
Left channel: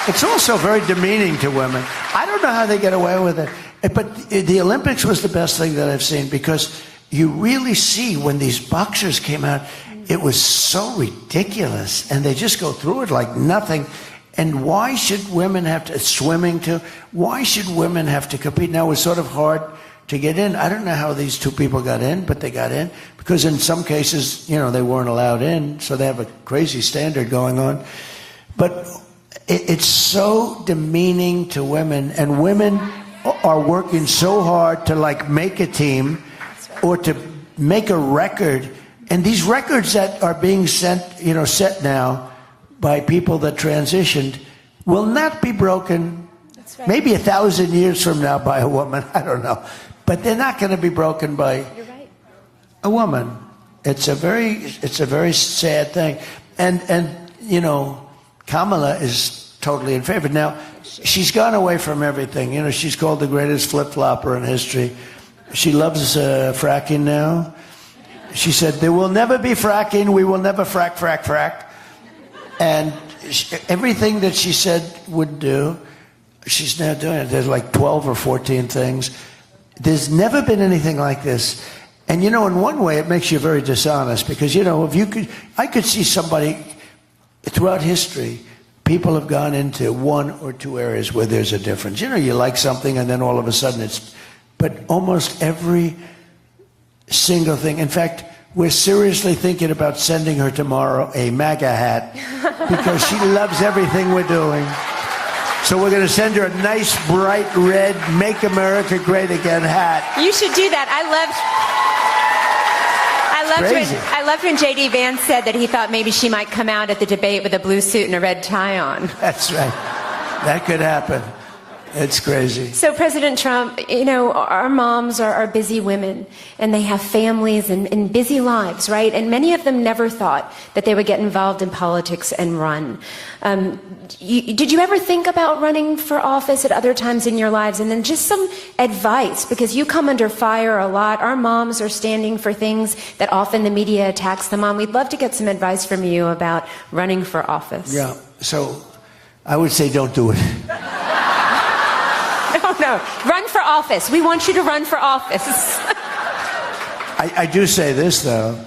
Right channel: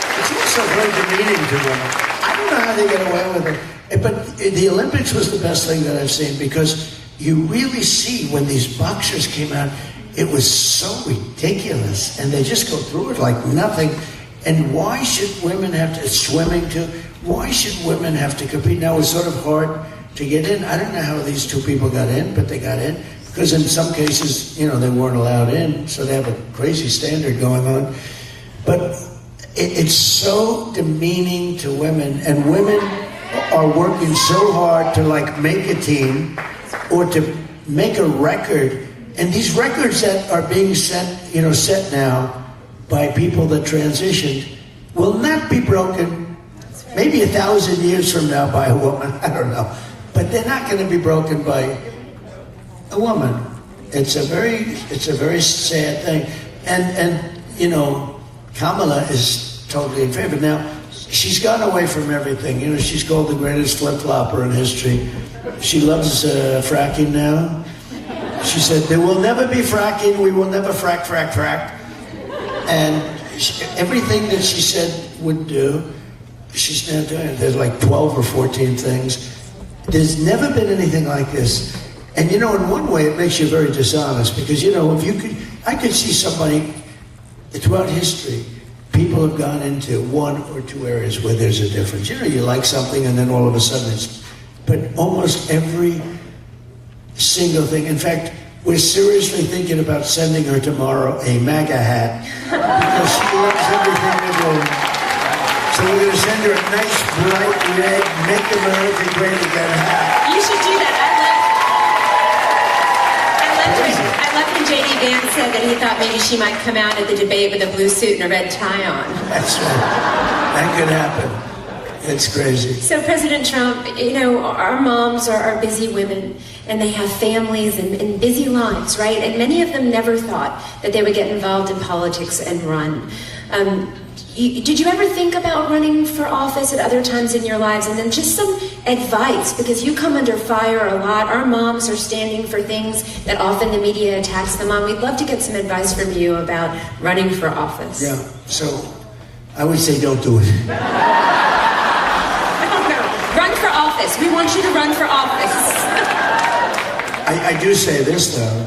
It's also very demeaning to women. I don't know how they get away with it, but the Olympics was the best thing that I've seen, because you really see when these boxers came out. It was so ridiculous, and they just go through it like nothing. And why should women have to swimming to? Why should women have to compete? Now, it was sort of hard to get in. I don't know how these two people got in, but they got in because in some cases, you know, they weren't allowed in, so they have a crazy standard going on. But it's so demeaning to women, and women are working so hard to like make a team or to make a record. And these records that are being set now by people that transitioned will not be broken maybe 1,000 years from now by a woman. I don't know. But they're not going to be broken by a woman. It's a very sad thing. And you know, Kamala is totally in favor. Now, she's gone away from everything. You know, she's called the greatest flip-flopper in history. She loves fracking now. She said, there will never be fracking, we will never frack. And everything that she said would do, she's not doing it. There's like 12 or 14 things. There's never been anything like this. And you know, in one way, it makes you very dishonest, because, you know, I could see somebody, throughout history, people have gone into one or two areas where there's a difference. You know, you like something and then all of a sudden it's, but almost every single thing. In fact, we're seriously thinking about sending her tomorrow a MAGA hat because she loves everything we're doing. So we're going to send her a nice, bright red, Make America Great Again hat. You should do that. I love when J.D. Vance said that he thought maybe she might come out at the debate with a blue suit and a red tie on. That could happen. It's crazy. So, President Trump, you know, our moms are busy women, and they have families and busy lives, right? And many of them never thought that they would get involved in politics and run. Did you ever think about running for office at other times in your lives? And then just some advice, because you come under fire a lot. Our moms are standing for things that often the media attacks them on. We'd love to get some advice from you about running for office. Yeah, so I would say don't do it. Run for office. We want you to run for office. I do say this, though.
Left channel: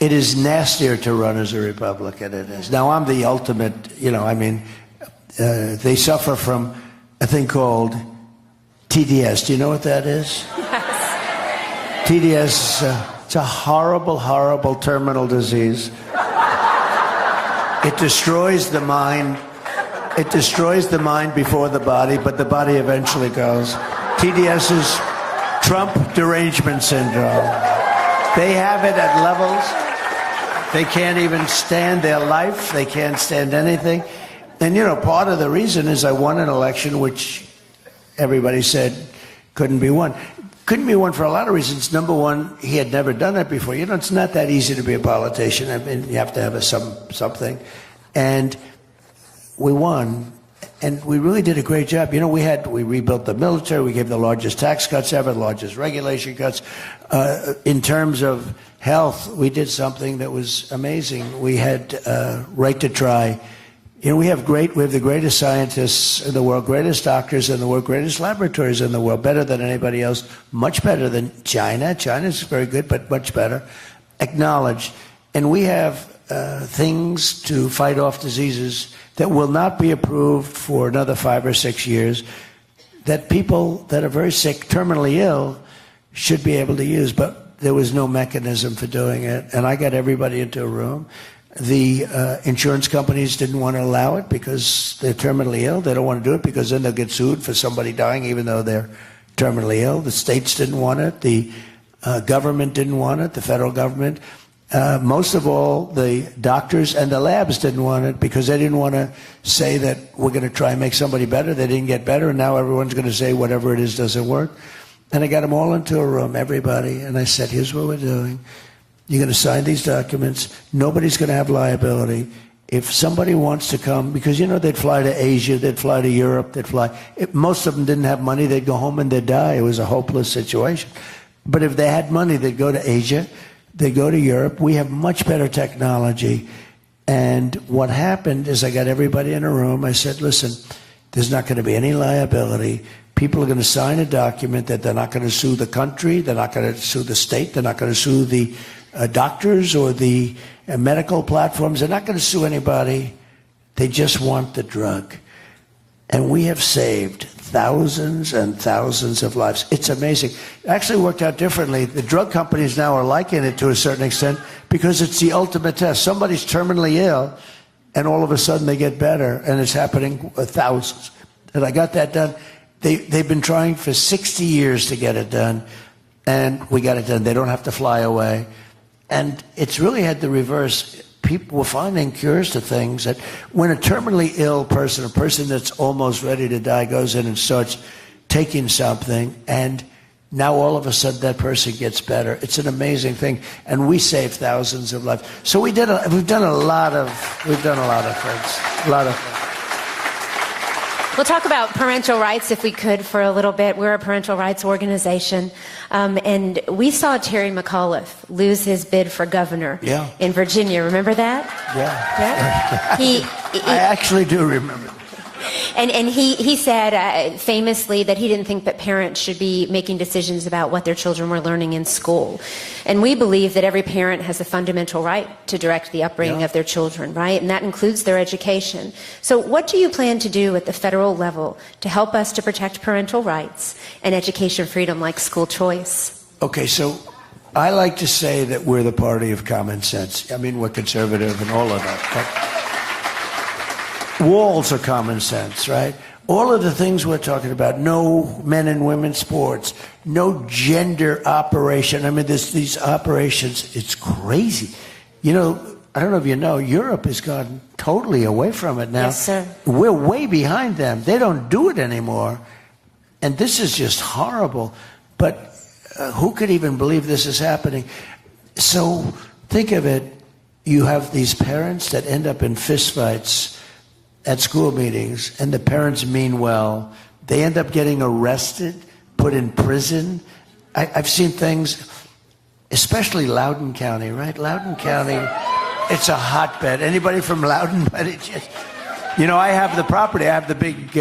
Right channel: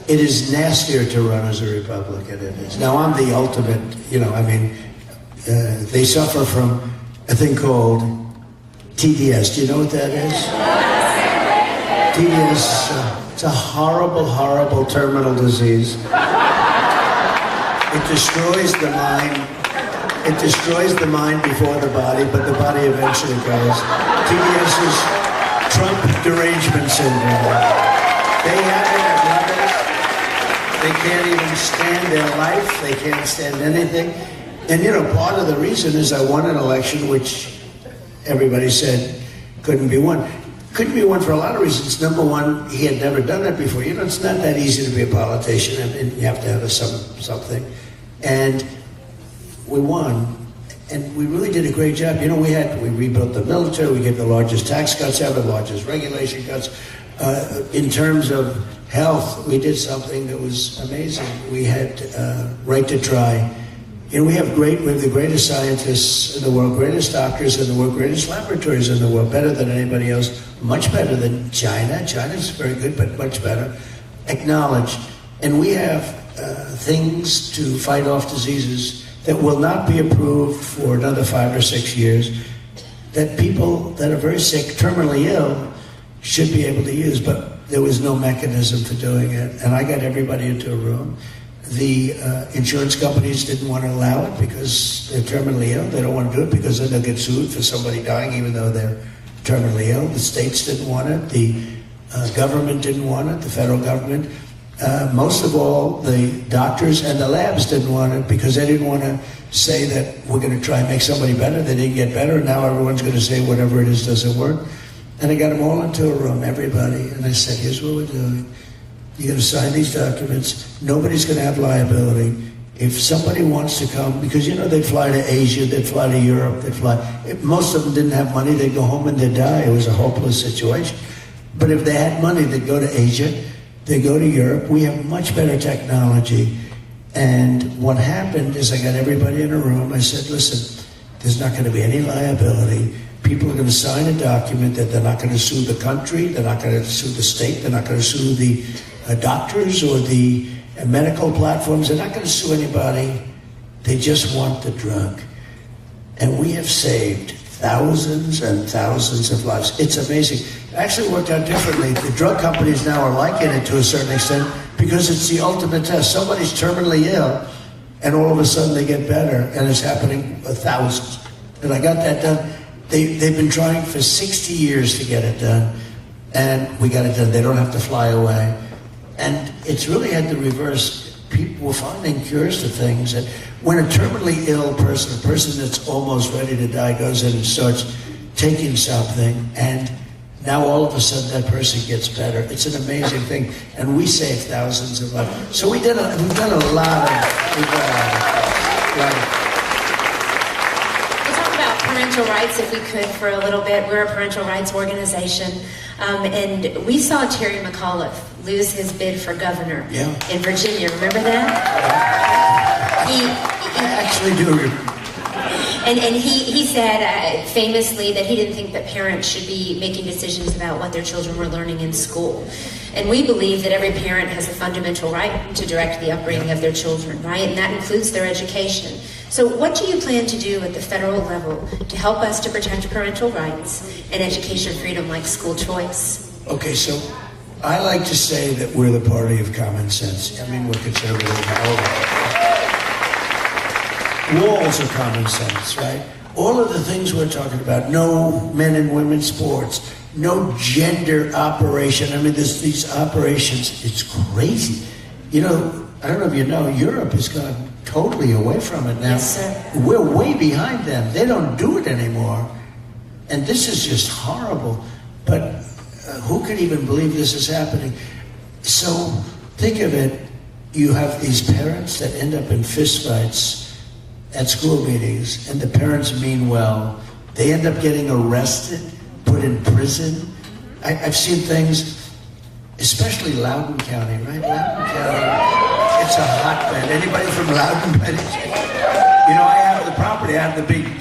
It is nastier to run as a Republican than it is. Now, I'm the ultimate, you know, I mean, they suffer from a thing called TBS. Do you know what that is? TBS, it's a horrible, horrible terminal disease. It destroys the mind. It destroys the mind before the body, but the body eventually goes. TBS is Trump derangement syndrome. They have it at levels. They can't even stand their life. They can't stand anything. And, you know, part of the reason is I won an election, which everybody said couldn't be one. Couldn't be one for a lot of reasons. Number one, he had never done it before. You know, it's not that easy to be a politician. I mean, you have to have something. And we won. And we really did a great job. You know, we rebuilt the military, we gave the largest tax cuts ever, the largest regulation cuts. In terms of health, we did something that was amazing. We had right to try. You know, we have the greatest scientists in the world, greatest doctors in the world, greatest laboratories in the world, better than anybody else, much better than China. China's very good, but much better. Acknowledged. And we have things to fight off diseases that will not be approved for another 5 or 6 years, that people that are very sick, terminally ill, should be able to use, but there was no mechanism for doing it. And I got everybody into a room. The insurance companies didn't want to allow it because they're terminally ill. They don't want to do it because then they'll get sued for somebody dying even though they're terminally ill. The states didn't want it. The government didn't want it, the federal government. Most of all, the doctors and the labs didn't want it because they didn't want to say that we're going to try to make somebody better. They didn't get better. Now everyone's going to say whatever it is doesn't work. And I got them all into a room, everybody, and I said, here's what we're doing. You're going to sign these documents. Nobody's going to have liability. If somebody wants to come, because you know they'd fly to Asia, they'd fly to Europe, most of them didn't have money, they'd go home and they'd die. It was a hopeless situation. But if they had money, they'd go to Asia, they'd go to Europe. We have much better technology. And what happened is I got everybody in a room. I said, listen, there's not going to be any liability. People are going to sign a document that they're not going to sue the country, they're not going to sue the state, they're not going to sue the doctors or the medical platforms, they're not going to sue anybody. They just want the drug. And we have saved thousands and thousands of lives. It's amazing. It actually worked out differently. The drug companies now are liking it to a certain extent because it's the ultimate test. Somebody's terminally ill, and all of a sudden they get better, and it's happening with thousands. And I got that done. They've been trying for 60 years to get it done, and we got it done. They don't have to fly away. And it's really had the reverse. People were finding cures to things. And when a terminally ill person, a person that's almost ready to die, goes in and starts taking something, and now all of a sudden that person gets better. It's an amazing thing, and we save thousands of lives. So we've done a lot of. We'll talk about parental rights if we could for a little bit. We're a parental rights organization. And we saw Terry McAuliffe lose his bid for governor in Virginia. Remember that? Yeah. I actually do. And he said famously that he didn't think that parents should be making decisions about what their children were learning in school. And we believe that every parent has a fundamental right to direct the upbringing of their children, right? And that includes their education. So what do you plan to do at the federal level to help us to protect parental rights and education freedom like school choice? Okay, so I like to say that we're the party of common sense. I mean, we're conservative and all of that. Walls are common sense, right? All of the things we're talking about, no men and women sports, no gender operation. I mean, these operations, it's crazy. You know, I don't know if you know, Europe has gone totally away from it now. Yes, sir. We're way behind them. They don't do it anymore. And this is just horrible. But who could even believe this is happening? So think of it. You have these parents that end up in fistfights at school meetings, and the parents mean well. They end up getting arrested, put in prison. I've seen things, especially Loudoun County, right? Loudoun County, it's a hotbed. Anybody from Loudoun? You know, I have the property. I have the big,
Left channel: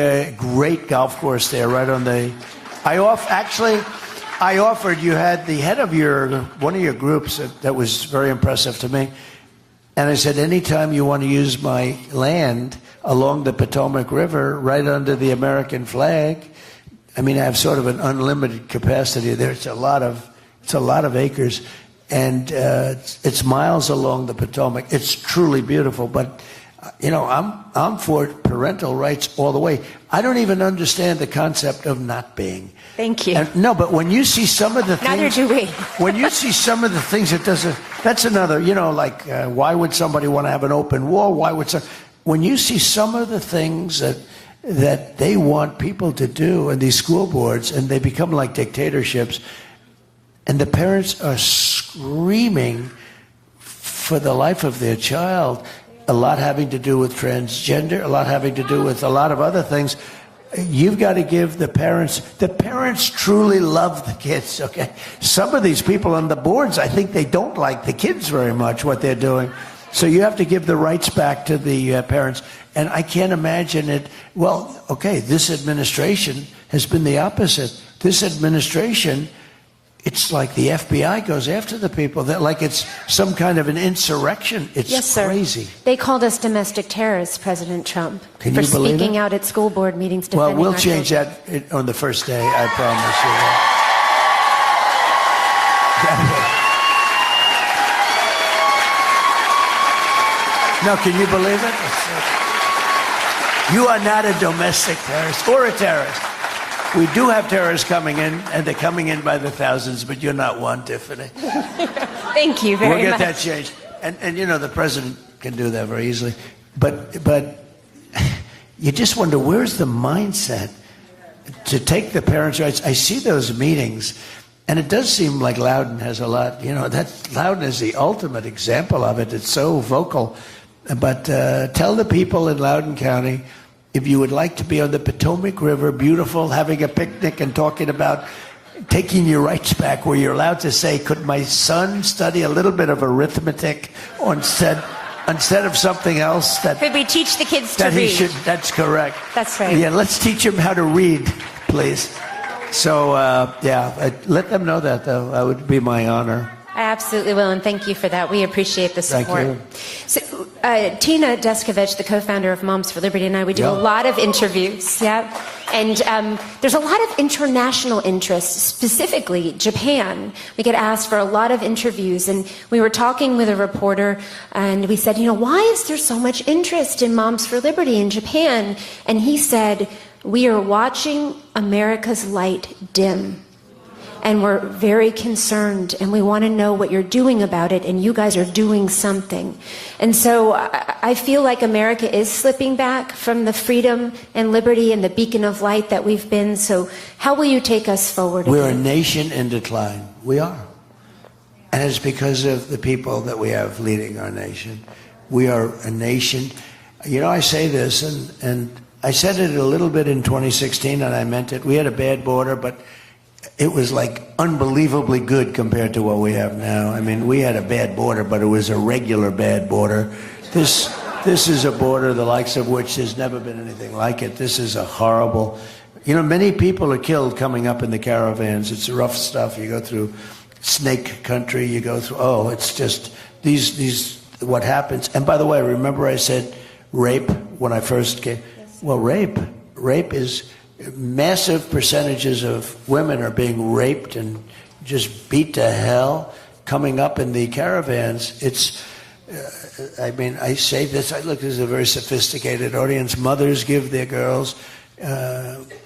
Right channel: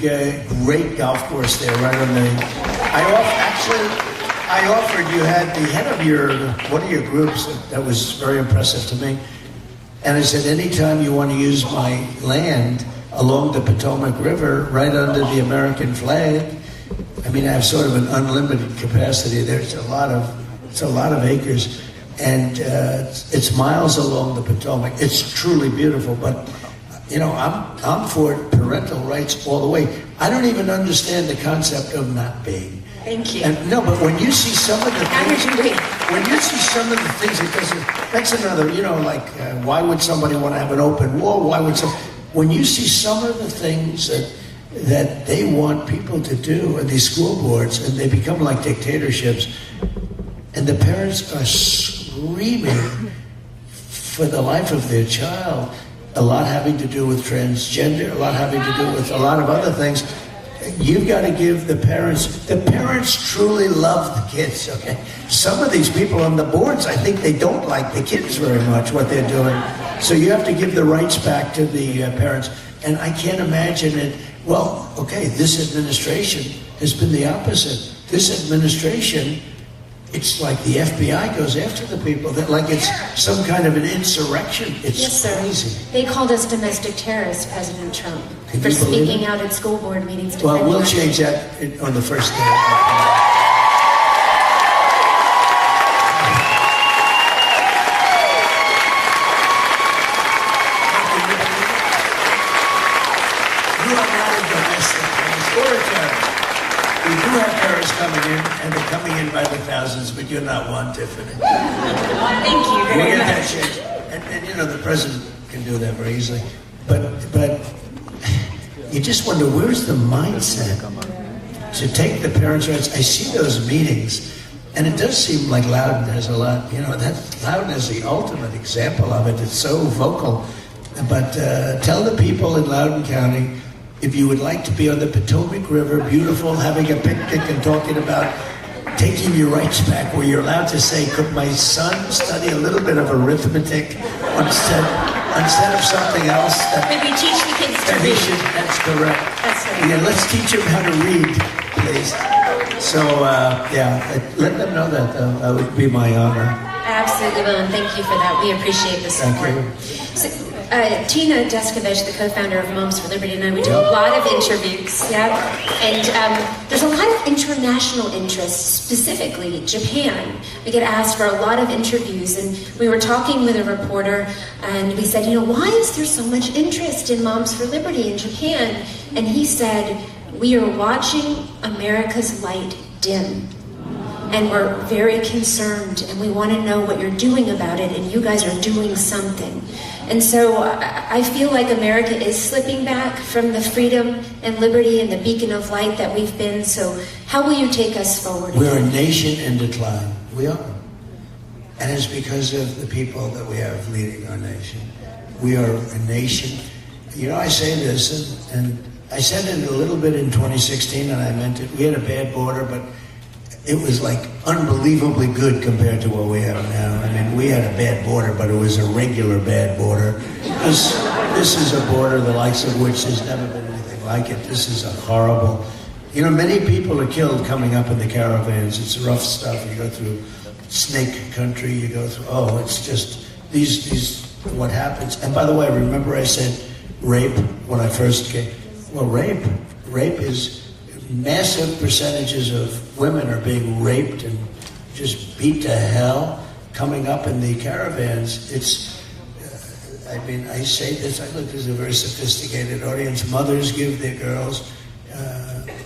great golf course there, right on the. I offered you had the head of one of your groups that was very impressive to me, and I said, anytime you want to use my land along the Potomac River, right under the American flag. I mean, I have sort of an unlimited capacity there. It's a lot of acres, and it's miles along the Potomac. It's truly beautiful, but you know, I'm for parental rights all the way. I don't even understand the concept of not being. Thank you. No, but when you see some of the things, it doesn't. That's another. You know, like why would somebody want to have an open wall? When you see some of the things that they want people to do in these school boards, and they become like dictatorships. And the parents are screaming for the life of their child, a lot having to do with transgender, a lot having to do with a lot of other things. You've got to give the parents truly love the kids, okay? Some of these people on the boards, I think they don't like the kids very much, what they're doing. So you have to give the rights back to the parents. And I can't imagine it. Well, okay, this administration has been the opposite. This administration, it's like the FBI goes after the people. They're like it's some kind of an insurrection. It's yes, sir. crazy. They called us domestic terrorists, President Trump, Can for you believe speaking it? out at school board meetings. Well, we'll change that on the first day, I promise you. No, can you believe it? You are not a domestic terrorist or a terrorist. We do have terrorists coming in, and they're coming in by the thousands, but you're not one, Tiffany. Thank you very We're going to much. change. And you know, the president can do that very easily. But you just wonder, where's the mindset to take the parents' rights? I see those meetings, and it does seem like Loudon has a lot. You know, that Loudon is the ultimate example of it. It's so vocal. But tell the people in Loudoun County, if you would like to be on the Potomac River, beautiful, having a picnic and talking about taking your rights back, where you're allowed to say, could my son study a little bit of arithmetic instead of something else? Could we teach the kids to read? That's correct. That's right. Yeah, let's teach them how to read, please. So, let them know that would be my honor. Absolutely will, and thank you for that. We appreciate the support. So, Tina Deskovich, the co-founder of Moms for Liberty, and I, we did a lot of interviews, and there's a lot of international interest, specifically Japan. We get asked for a lot of interviews, and we were talking with a reporter, and we said, why is there so much interest in Moms for Liberty in Japan? And he said, we are watching America's light dim. And we're very concerned, and we want to know what you're doing about it, and you guys are doing something. And so I feel like America is slipping back from the freedom and liberty and the beacon of light that we've been. So how will you take us forward? We're a nation in decline. We are. And it's because of the people that we have leading our nation. We are a nation. I say this, and I said it a little bit in 2016, and I meant it. We had a bad border, but it was like unbelievably good compared to what we have now. I mean, we had a bad border, but it was a regular bad border. This is a border the likes of which there's never been anything like it. This is a horrible. Many people are killed coming up in the caravans. It's rough stuff. You go through snake country. You go through. It's just these. What happens? And by the way, remember I said rape when I first came. Well, rape is. Massive percentages of women are being raped and just beat to hell coming up in the caravans. I say this, look, this is a very sophisticated audience. Mothers give their girls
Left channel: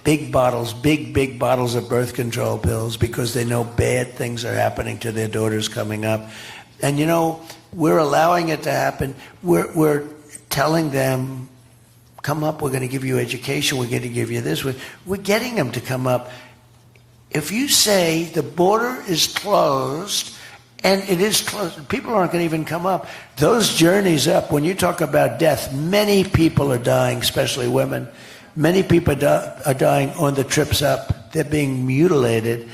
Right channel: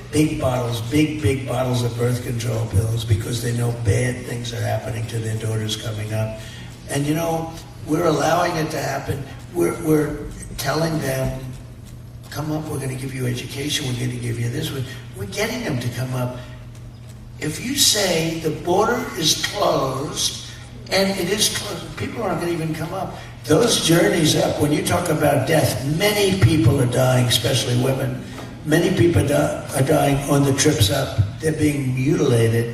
big bottles of birth control pills because they know bad things are happening to their daughters coming up. And we're allowing it to happen. We're telling them, come up, we're going to give you education, we're going to give you this. We're getting them to come up. If you say the border is closed, and it is closed, people aren't going to even come up. Those journeys up, when you talk about death, many people are dying, especially women. Many people are dying on the trips up. They're being mutilated,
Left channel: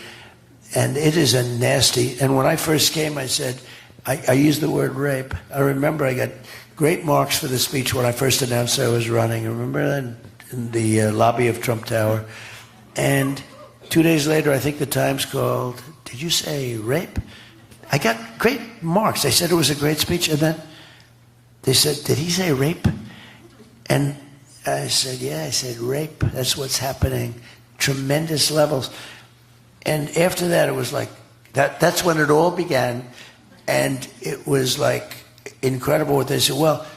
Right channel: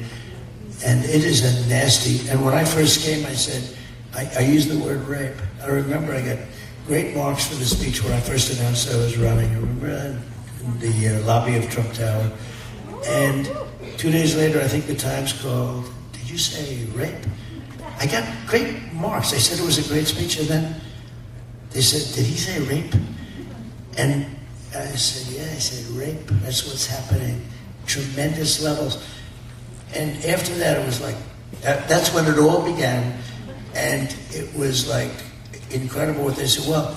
and it is a nasty. And when I first came, I said, I used the word rape. I remember I got great marks for the speech when I first announced I was running. I remember that in the lobby of Trump Tower. And 2 days later, I think the Times called, did you say rape? I got great marks. They said it was a great speech. And then they said, did he say rape? And I said, yeah, I said rape. That's what's happening. Tremendous levels. And after that, it was like, that's when it all began. And it was like, incredible what they said. Well,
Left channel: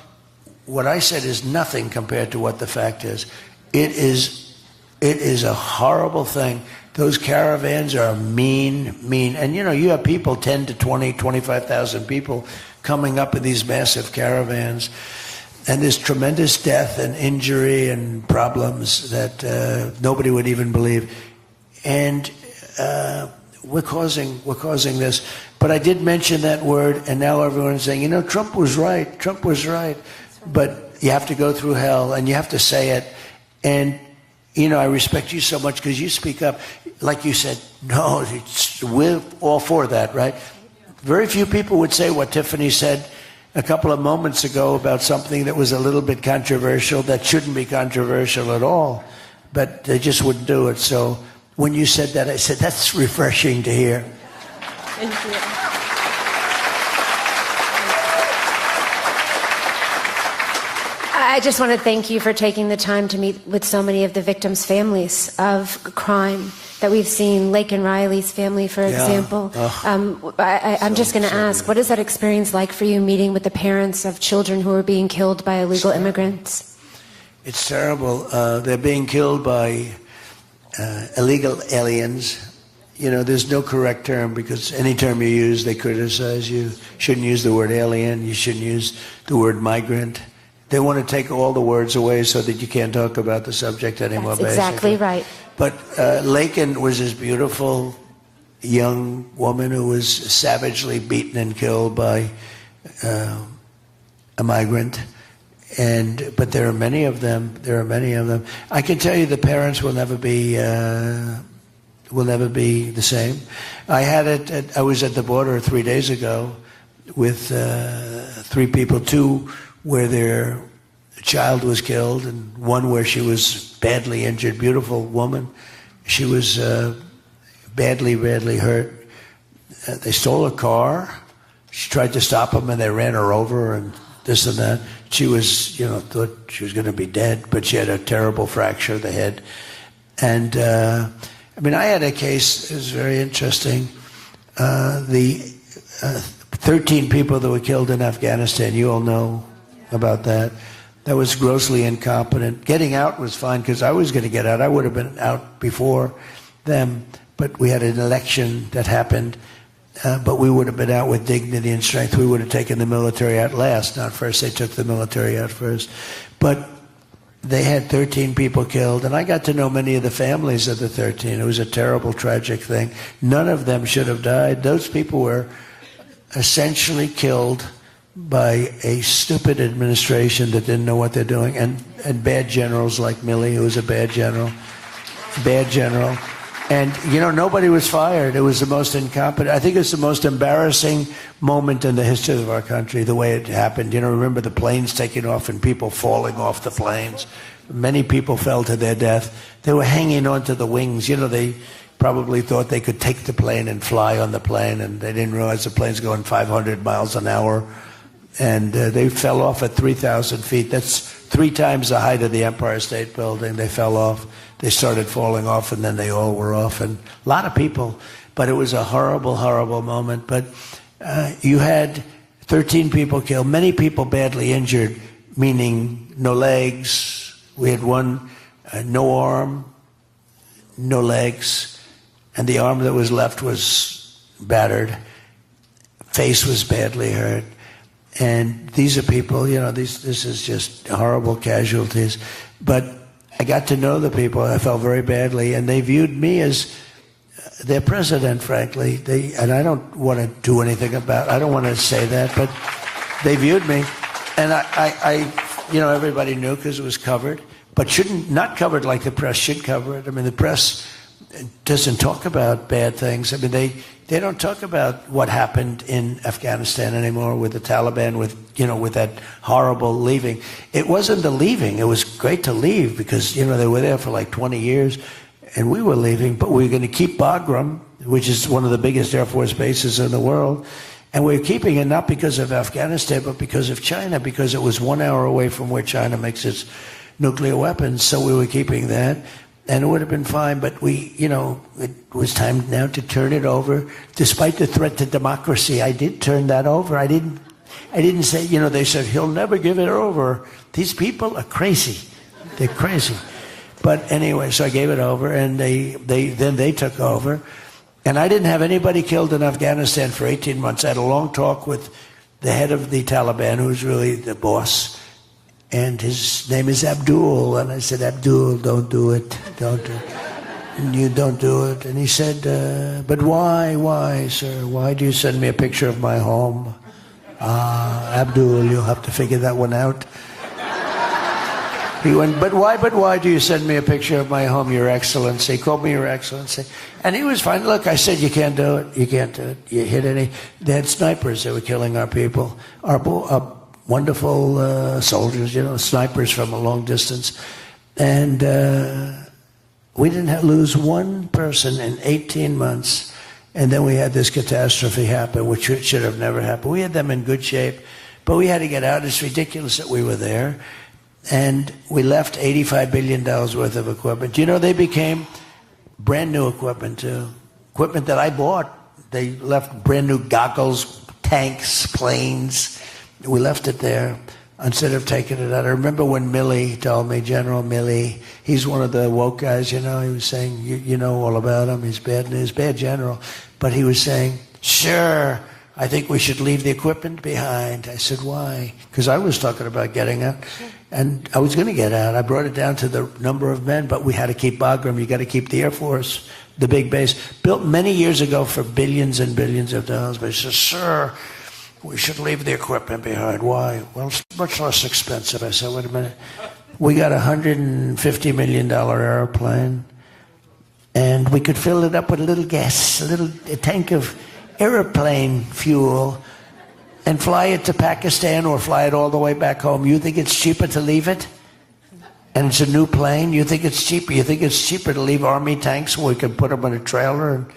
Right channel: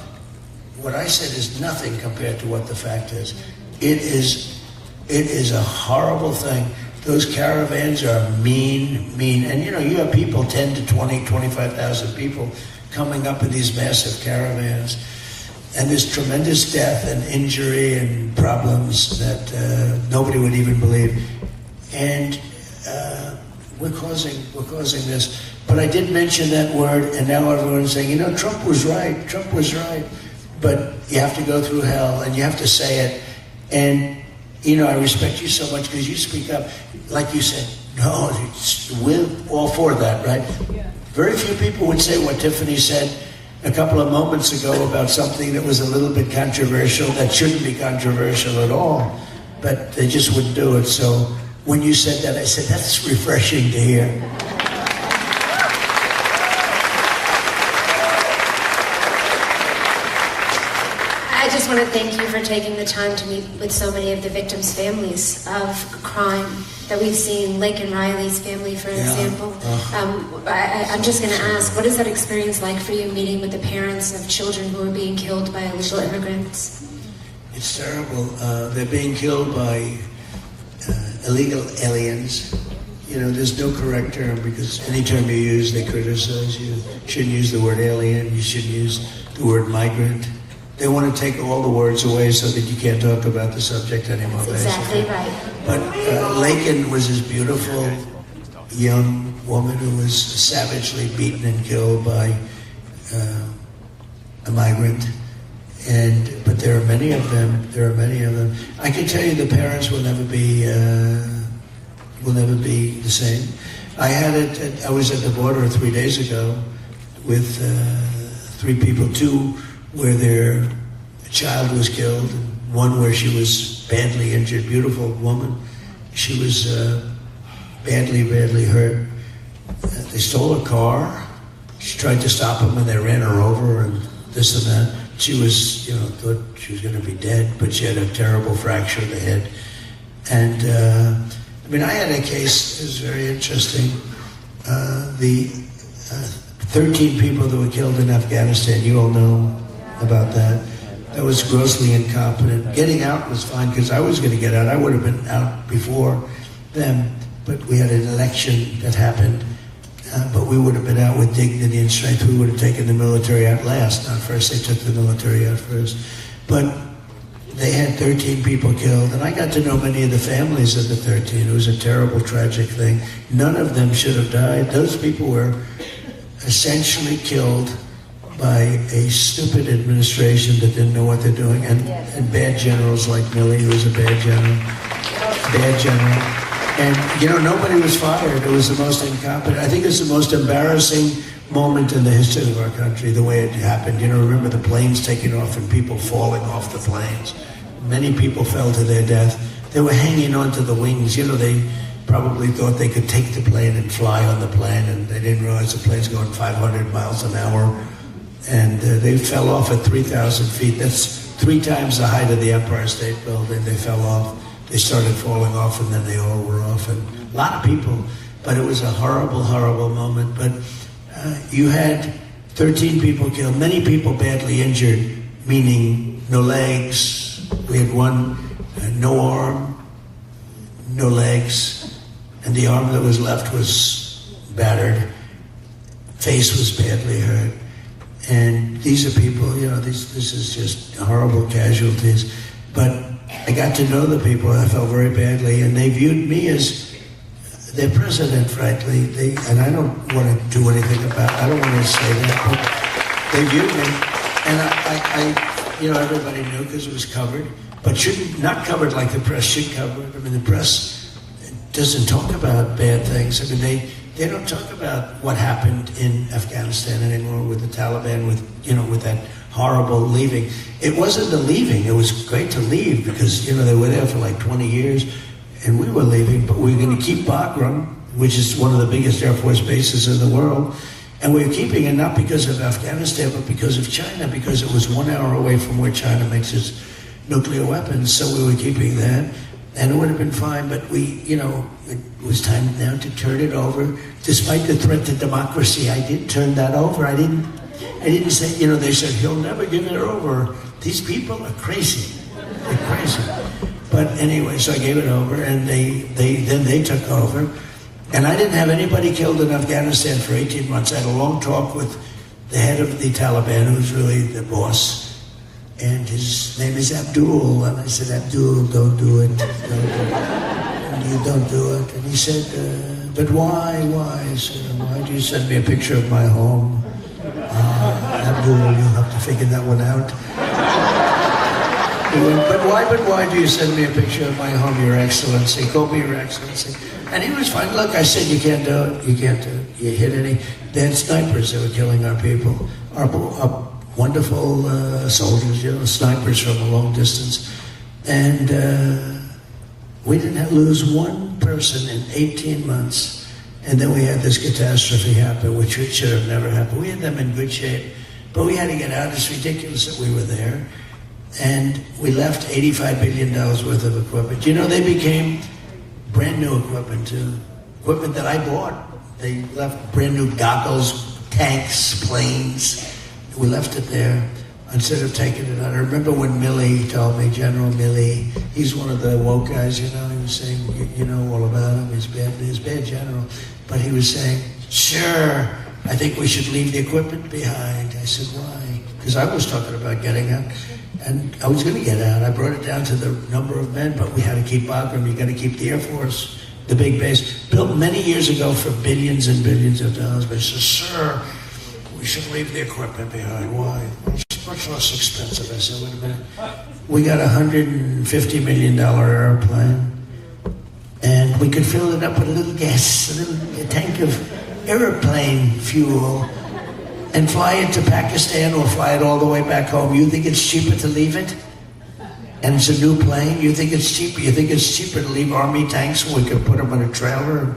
what I said is nothing compared to what the fact is. It is a horrible thing. Those caravans are mean. And you have people, 10 to 20, 25,000 people coming up in these massive caravans. and there's tremendous death and injury and problems that nobody would even believe. And we're causing this. But I did mention that word, and now everyone's saying, Trump was right. But you have to go through hell, and you have to say it. And, I respect you so much because you speak up. Like you said, no, we're all for that, right? Very few people would say what Tiffany said a couple of moments ago about something that was a little bit controversial, that shouldn't be controversial at all, but they just wouldn't do it. So when you said that, I said, that's refreshing to hear. I just want to thank you for taking the time to meet with so many of the victims' families of crime that we've seen. Lake and Riley's family, for example. I'm just going to ask, what is that experience like for you, meeting with the parents of children who are being killed by illegal immigrants? It's terrible. They're being killed by illegal aliens. There's no correct term, because any term you use, they criticize you. You shouldn't use the word alien. You shouldn't use the word migrant. They want to take all the words away so that you can't talk about the subject anymore. That's exactly right. But Lincoln was this beautiful young woman who was savagely beaten and killed by a migrant. But there are many of them. I can tell you the parents will never be the same. I was at the border 3 days ago with 3 people, 2 where their child was killed, and 1 where she was badly injured. Beautiful woman. She was badly hurt. They stole a car. She tried to stop them, and they ran her over, and this and that. She was, thought she was going to be dead, but she had a terrible fracture in the head. And I had a case that was very interesting. The 13 people that were killed in Afghanistan, you all know about that. That was grossly incompetent. Getting out was fine because I was going to get out. I would have been out before them, but we had an election that happened. But we would have been out with dignity and strength. We would have taken the military out last. Not first, they took the military out first. But they had 13 people killed, and I got to know many of the families of the 13. It was a terrible, tragic thing. None of them should have died. Those people were essentially killed by a stupid administration that didn't know what they're doing, and bad generals like Milley, who was a bad general. And, nobody was fired. It was the most incompetent. I think it's the most embarrassing moment in the history of our country, the way it happened. Remember the planes taking off and people falling off the planes. Many people fell to their death. They were hanging onto the wings. They probably thought they could take the plane and fly on the plane, and they didn't realize the plane's going 500 miles an hour. And they fell off at 3,000 feet. That's 3 times the height of the Empire State Building. They fell off. They started falling off, and then they all were off. And a lot of people. But it was a horrible, horrible moment. But you had 13 people killed, many people badly injured, meaning no legs. We had 1, no arm, no legs. And the arm that was left was battered. Face was badly hurt. And these are people, this is just horrible casualties. But I got to know the people, and I felt very badly, and they viewed me as their president, frankly. And I don't want to do anything about it. I don't want to say that, but they viewed me. And I everybody knew because it was covered, but not covered like the press should cover it. The press doesn't talk about bad things. They don't talk about what happened in Afghanistan anymore with the Taliban, with that horrible leaving. It wasn't the leaving. It was great to leave because, they were there for like 20 years, and we were leaving, but we were going to keep Bagram, which is one of the biggest Air Force bases in the world. And we were keeping it not because of Afghanistan, but because of China, because it was 1 hour away from where China makes its nuclear weapons. So we were keeping that. And it would have been fine, but it was time now to turn it over. Despite the threat to democracy, I did turn that over. I didn't say, they said, he'll never give it over. These people are crazy. They're crazy. But anyway, so I gave it over, and they took over. And I didn't have anybody killed in Afghanistan for 18 months. I had a long talk with the head of the Taliban, who's really the boss. And his name is Abdul. And I said, Abdul, don't do it. Don't do it. And you don't do it. And he said, but why, sir? Why do you send me a picture of my home? Abdul, you'll have to figure that one out. He went, but why do you send me a picture of my home, Your Excellency? Call me Your Excellency. And he was fine. Look, I said, you can't do it. You can't do it. You hit any. They had snipers that were killing our people. Our wonderful soldiers, snipers from a long distance. And we didn't lose one person in 18 months. And then we had this catastrophe happen, which should have never happened. We had them in good shape, but we had to get out. It's ridiculous that we were there. And we left $85 billion worth of equipment. You know, they became brand new equipment, too. Equipment that I bought. They left brand new goggles, tanks, planes. We left it there instead of taking it out. I remember when Milley told me, General Milley, he's one of the woke guys, you know, he was saying, you know all about him, he's bad general. But he was saying, sure, I think we should leave the equipment behind. I said, why? Because I was talking about getting out. And I was going to get out. I brought it down to the number of men, but we had to keep Bagram. You got to keep the Air Force, the big base. Built many years ago for billions and billions of dollars. But he said, sir, we should leave the equipment behind. Why? Well, it's much less expensive. I said, wait a minute. We got a $150 million airplane, and we could fill it up with a little gas, a tank of airplane fuel, and fly it to Pakistan or fly it all the way back home. You think it's cheaper to leave it? And it's a new plane? You think it's cheaper? You think it's cheaper to leave Army tanks where we can put them in a trailer? And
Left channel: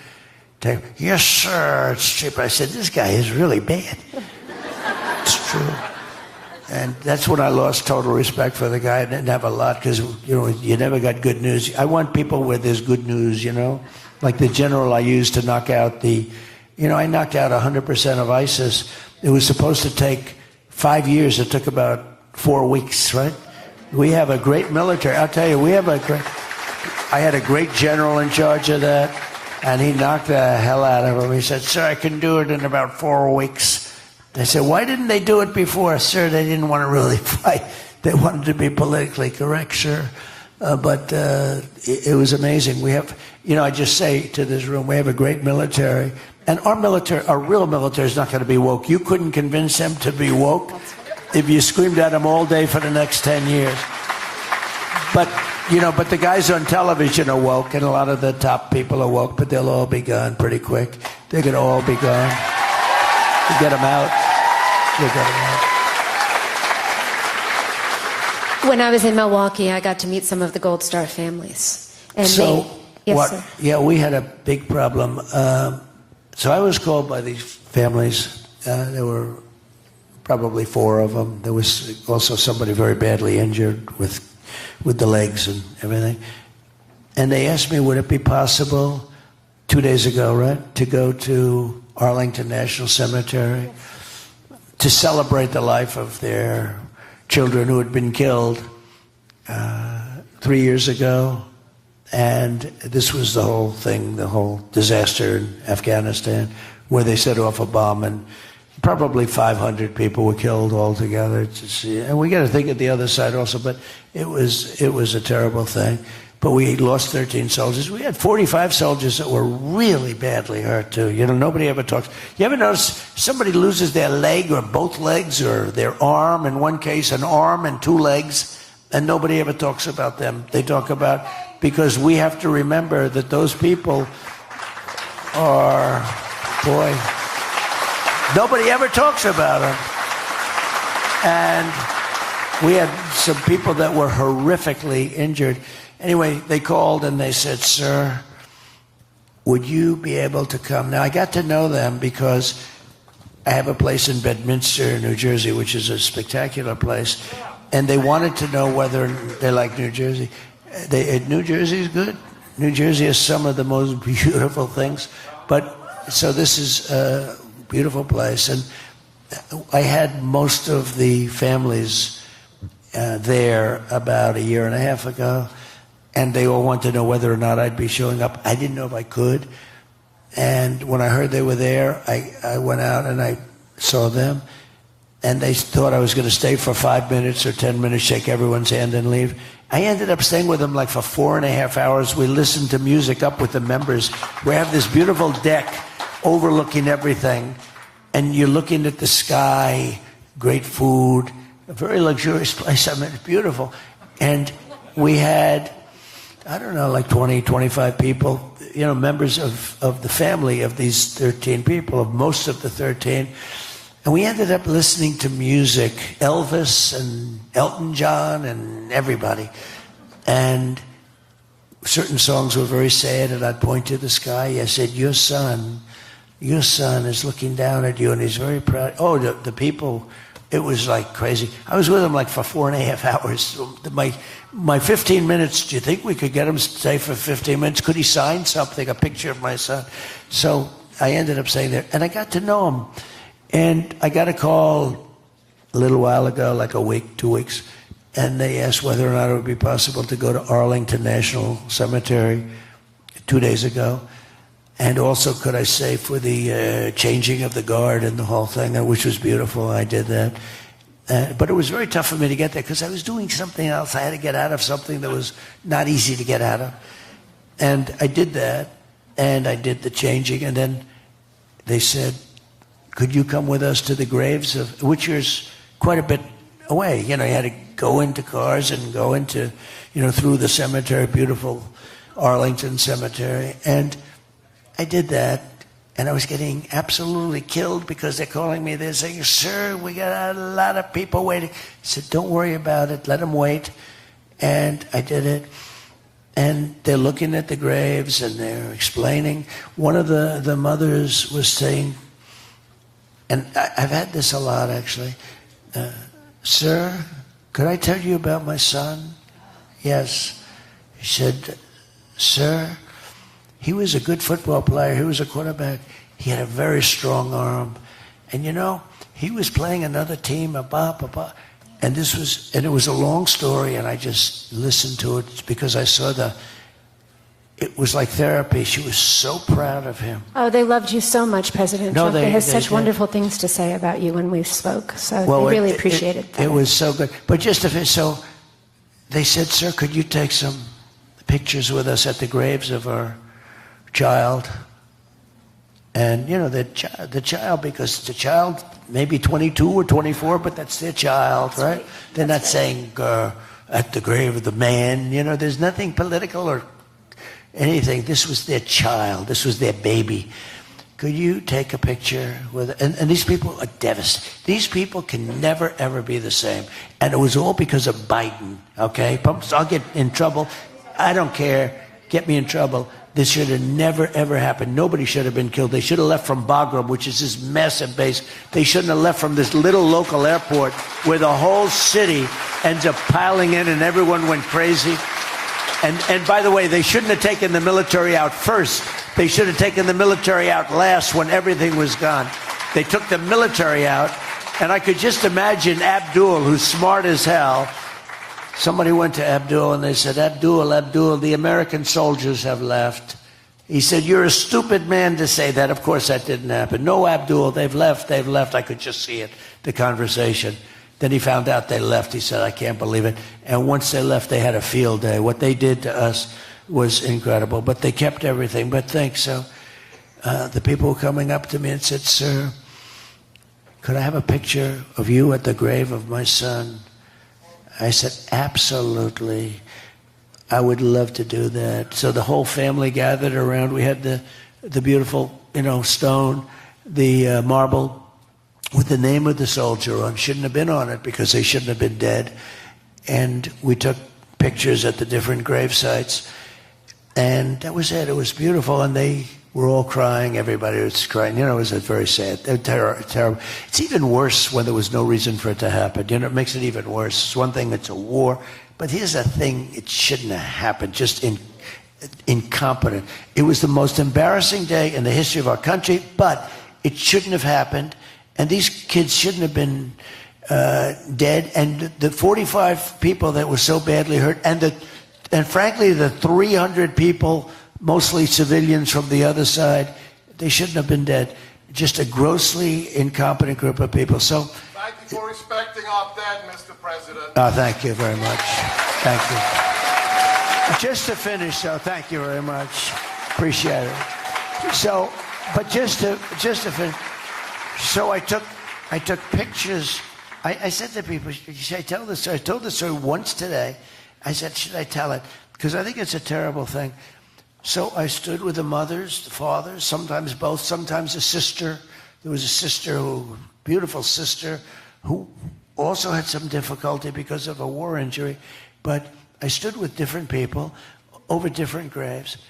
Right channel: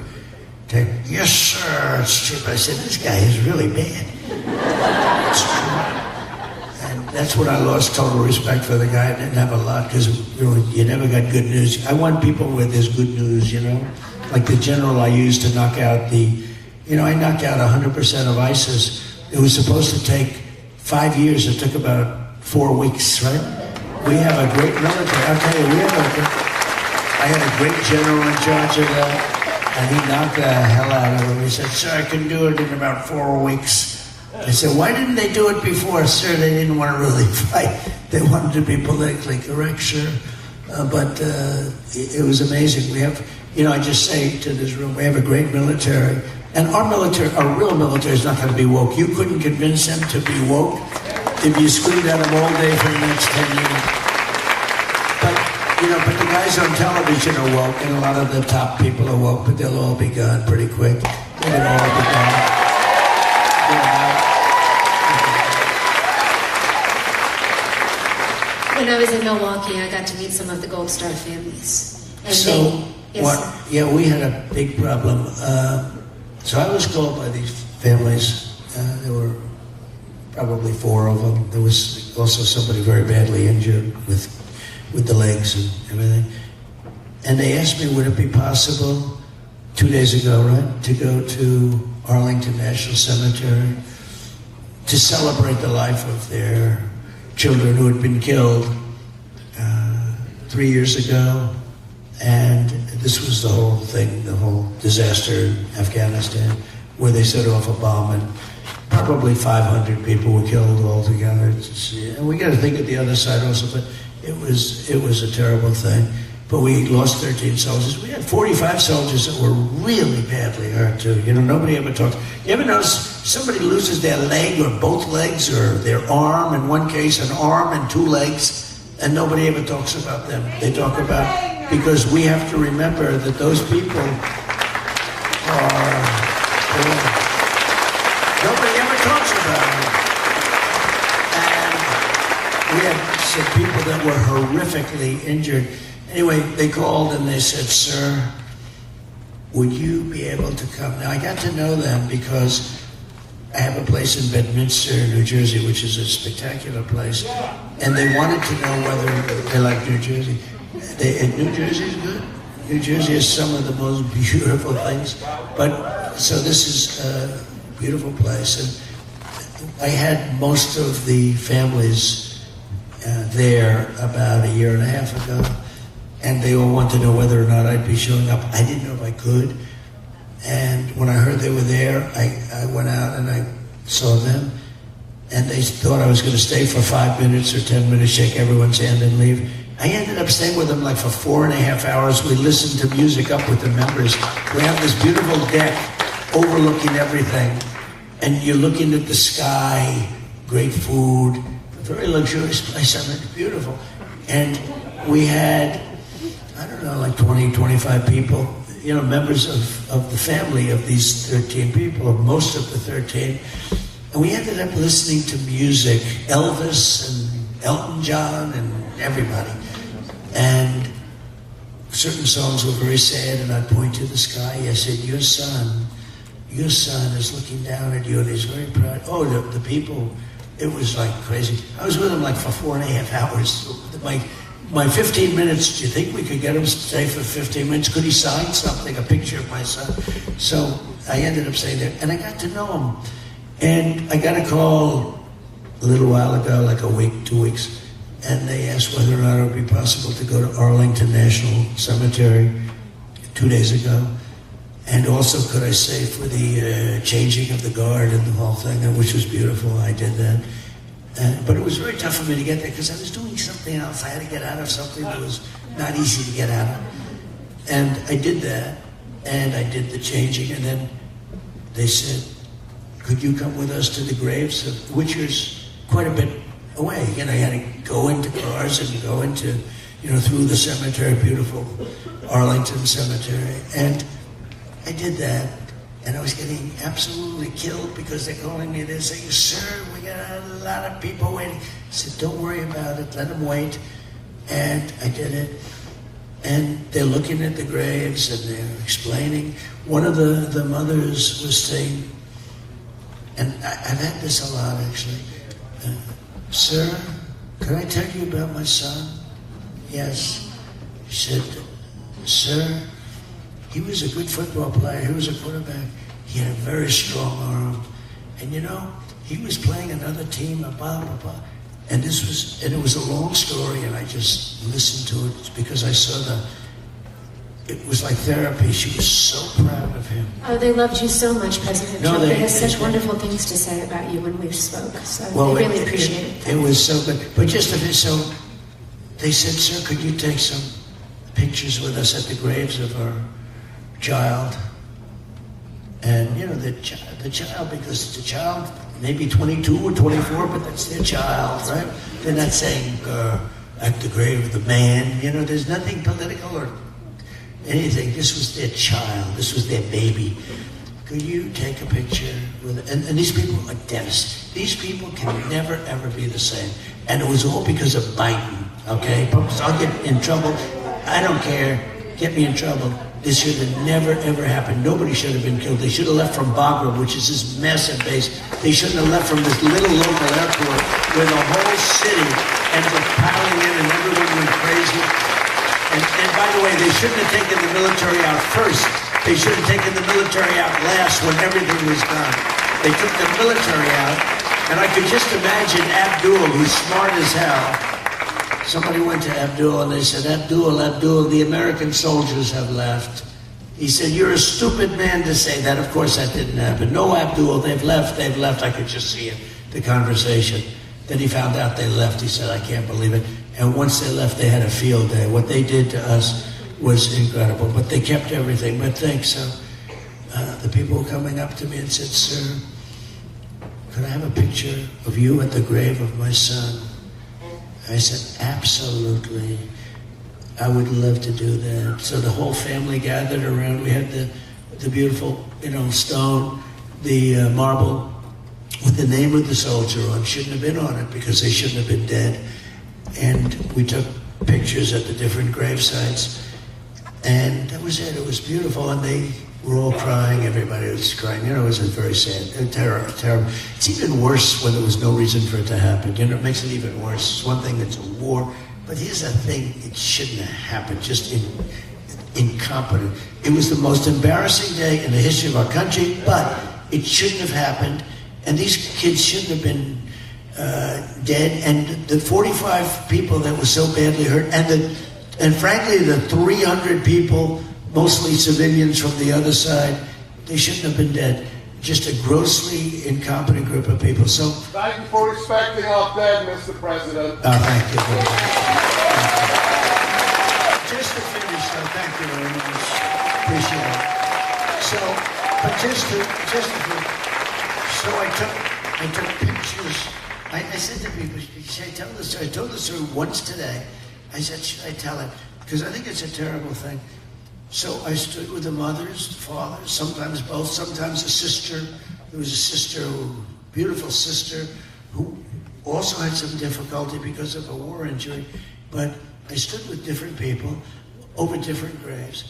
take, yes, sir. It's cheaper. I said, this guy is really bad. It's true. And that's when I lost total respect for the guy. I didn't have a lot because you never got good news. I want people where there's good news, you know? Like the general I used to knock out I knocked out 100% of ISIS. It was supposed to take 5 years. It took about 4 weeks, right? We have a great military. I tell you, I had a great general in charge of that, and he knocked the hell out of it. He said, sir, I can do it in about 4 weeks. I said, why didn't they do it before? Sir, they didn't want to really fight. They wanted to be politically correct, sure. But it was amazing. We have, I just say to this room, we have a great military. And our real military is not going to be woke. You couldn't convince them to be woke if you stood at them all day for the next 10 years. But the guys on television are woke, and a lot of the top people are woke, but they'll all be gone pretty quick. They're going to all be gone. You get them out. When I was in Milwaukee, I got to meet some of the Gold Star families. And we had a big problem. So I was called by these families, and there were probably 4 of them. There was also somebody very badly injured with the legs and everything. And they asked me, would it be possible 2 days ago, right, to go to Arlington National Cemetery to celebrate the life of their children who had been killed 3 years ago. And this was the whole thing, the whole disaster in Afghanistan, where they set off a bomb and probably 500 people were killed altogether. And we got to think of the other side also, but it was a terrible thing. But we lost 13 soldiers. We had 45 soldiers that were really badly hurt too. Nobody ever talks. You ever notice somebody loses their leg or both legs or their arm? In one case, an arm and 2 legs. And nobody ever talks about them. They talk about, because we have to remember that those people are, nobody ever talks about them. And we had some people that were horrifically injured. Anyway, they called and they said, sir, would you be able to come? Now, I got to know them because I have a place in Bedminster, New Jersey, which is a spectacular place. And they wanted to know whether they like New Jersey. New Jersey is good. New Jersey has some of the most beautiful things. But so this is a beautiful place. And I had most of the families there about a year and a half ago. And they all wanted to know whether or not I'd be showing up. I didn't know if I could. And when I heard they were there, I went out and I saw them. and they thought I was going to stay for 5 minutes or 10 minutes, shake everyone's hand and leave. I ended up staying with them like for 4.5 hours. We listened to music up with the members. We're on this beautiful deck overlooking everything, and you're looking at the sky, great food, a very luxurious place. I mean, it's beautiful. And we had, I don't know, like 20, 25 people, members of the family of these 13 people, most of the 13. And we ended up listening to music, Elvis and Elton John and everybody. And certain songs were very sad, and I'd point to the sky. I said, your son is looking down at you, and he's very proud. Oh, the people, it was like crazy. I was with him like for 4.5 hours. My 15 minutes, do you think we could get him to stay for 15 minutes? Could he sign something, a picture of my son? So I ended up staying there, and I got to know him. And I got a call a little while ago, like a week, 2 weeks, and they asked whether or not it would be possible to go to Arlington National Cemetery 2 days ago. And also, could I stay for the changing of the guard and the whole thing, which was beautiful. I did that. But it was very tough for me to get there because I was doing something else. I had to get out of something that was not easy to get out of. And I did that, and I did the changing, and then they said, could you come with us to the graves, which is quite a bit away. You had to go into cars and go into, through the cemetery, beautiful Arlington Cemetery. And I did that, and I was getting absolutely killed because they're calling me. They're saying, sir, we got a lot of people waiting. I said, don't worry about it. Let them wait. And I did it. And they're looking at the graves, and they're explaining. One of the mothers was saying, and I've had this a lot, actually. Sir, could I tell you about my son? Yes. She said, sir, he was a good football player. He was a quarterback. He had a very strong arm. And he was playing another team, and it was a long story, and I just listened to it because I saw it was like therapy. She was so proud of him. Oh, they loved you so much, President Trump. They had such wonderful things to say about you when we spoke. So we really appreciate it. It was so good. But so they said, sir, could you take some pictures with us at the graves of our child? And, the child, because the child may be 22 or 24, but that's their child, right? They're not saying at the grave of the man. There's nothing political or anything. This was their child. This was their baby. Could you take a picture with it? And these people are devastated. These people can never, ever be the same. And it was all because of Biden, okay? So I'll get in trouble. I don't care. Get me in trouble. This should have never, ever happened. Nobody should have been killed. They should have left from Bagua, which is this massive base. They shouldn't have left from this little local airport where the whole city ended up piling in and everyone went crazy. And by the way, they shouldn't have taken the military out first. They should have taken the military out last when everything was done. They took the military out, and I could just imagine Abdul, who's smart as hell. Somebody went to Abdul and they said, Abdul, the American soldiers have left. He said, you're a stupid man to say that. Of course that didn't happen. No, Abdul, they've left. I could just see it, the conversation. Then he found out they left. He said, I can't believe it. And once they left, they had a field day. What they did to us was incredible. But they kept everything. But thanks. The people were coming up to me and said, sir, could I have a picture of you at the grave of my son? I said, absolutely. I would love to do that. So the whole family gathered around. We had the beautiful, stone, the marble with the name of the soldier on. Shouldn't have been on it because they shouldn't have been dead. And we took pictures at the different grave sites. And that was it. It was beautiful. And they were all crying. Everybody was crying. It was very sad. They're terrible. It's even worse when there was no reason for it to happen. It makes it even worse. It's one thing, it's a war. But here's the thing. It shouldn't have happened. Just incompetent. It was the most embarrassing day in the history of our country, but it shouldn't have happened. And these kids shouldn't have been dead. And the 45 people that were so badly hurt, and frankly, the 300 people, mostly civilians from the other side, they shouldn't have been dead. just a grossly incompetent group of people. So, thank you for respecting our dead, Mr. President. Thank you very much. Thank you. Just to finish, thank you very much. Appreciate it. So, but just to finish, so I took pictures. I said to people, should I tell this story? I told this story once today. I said, should I tell it? Because I think it's a terrible thing. So I stood with the mothers, fathers, sometimes both, sometimes a sister. There was a sister, beautiful sister, who also had some difficulty because of a war injury. But I stood with different people over different graves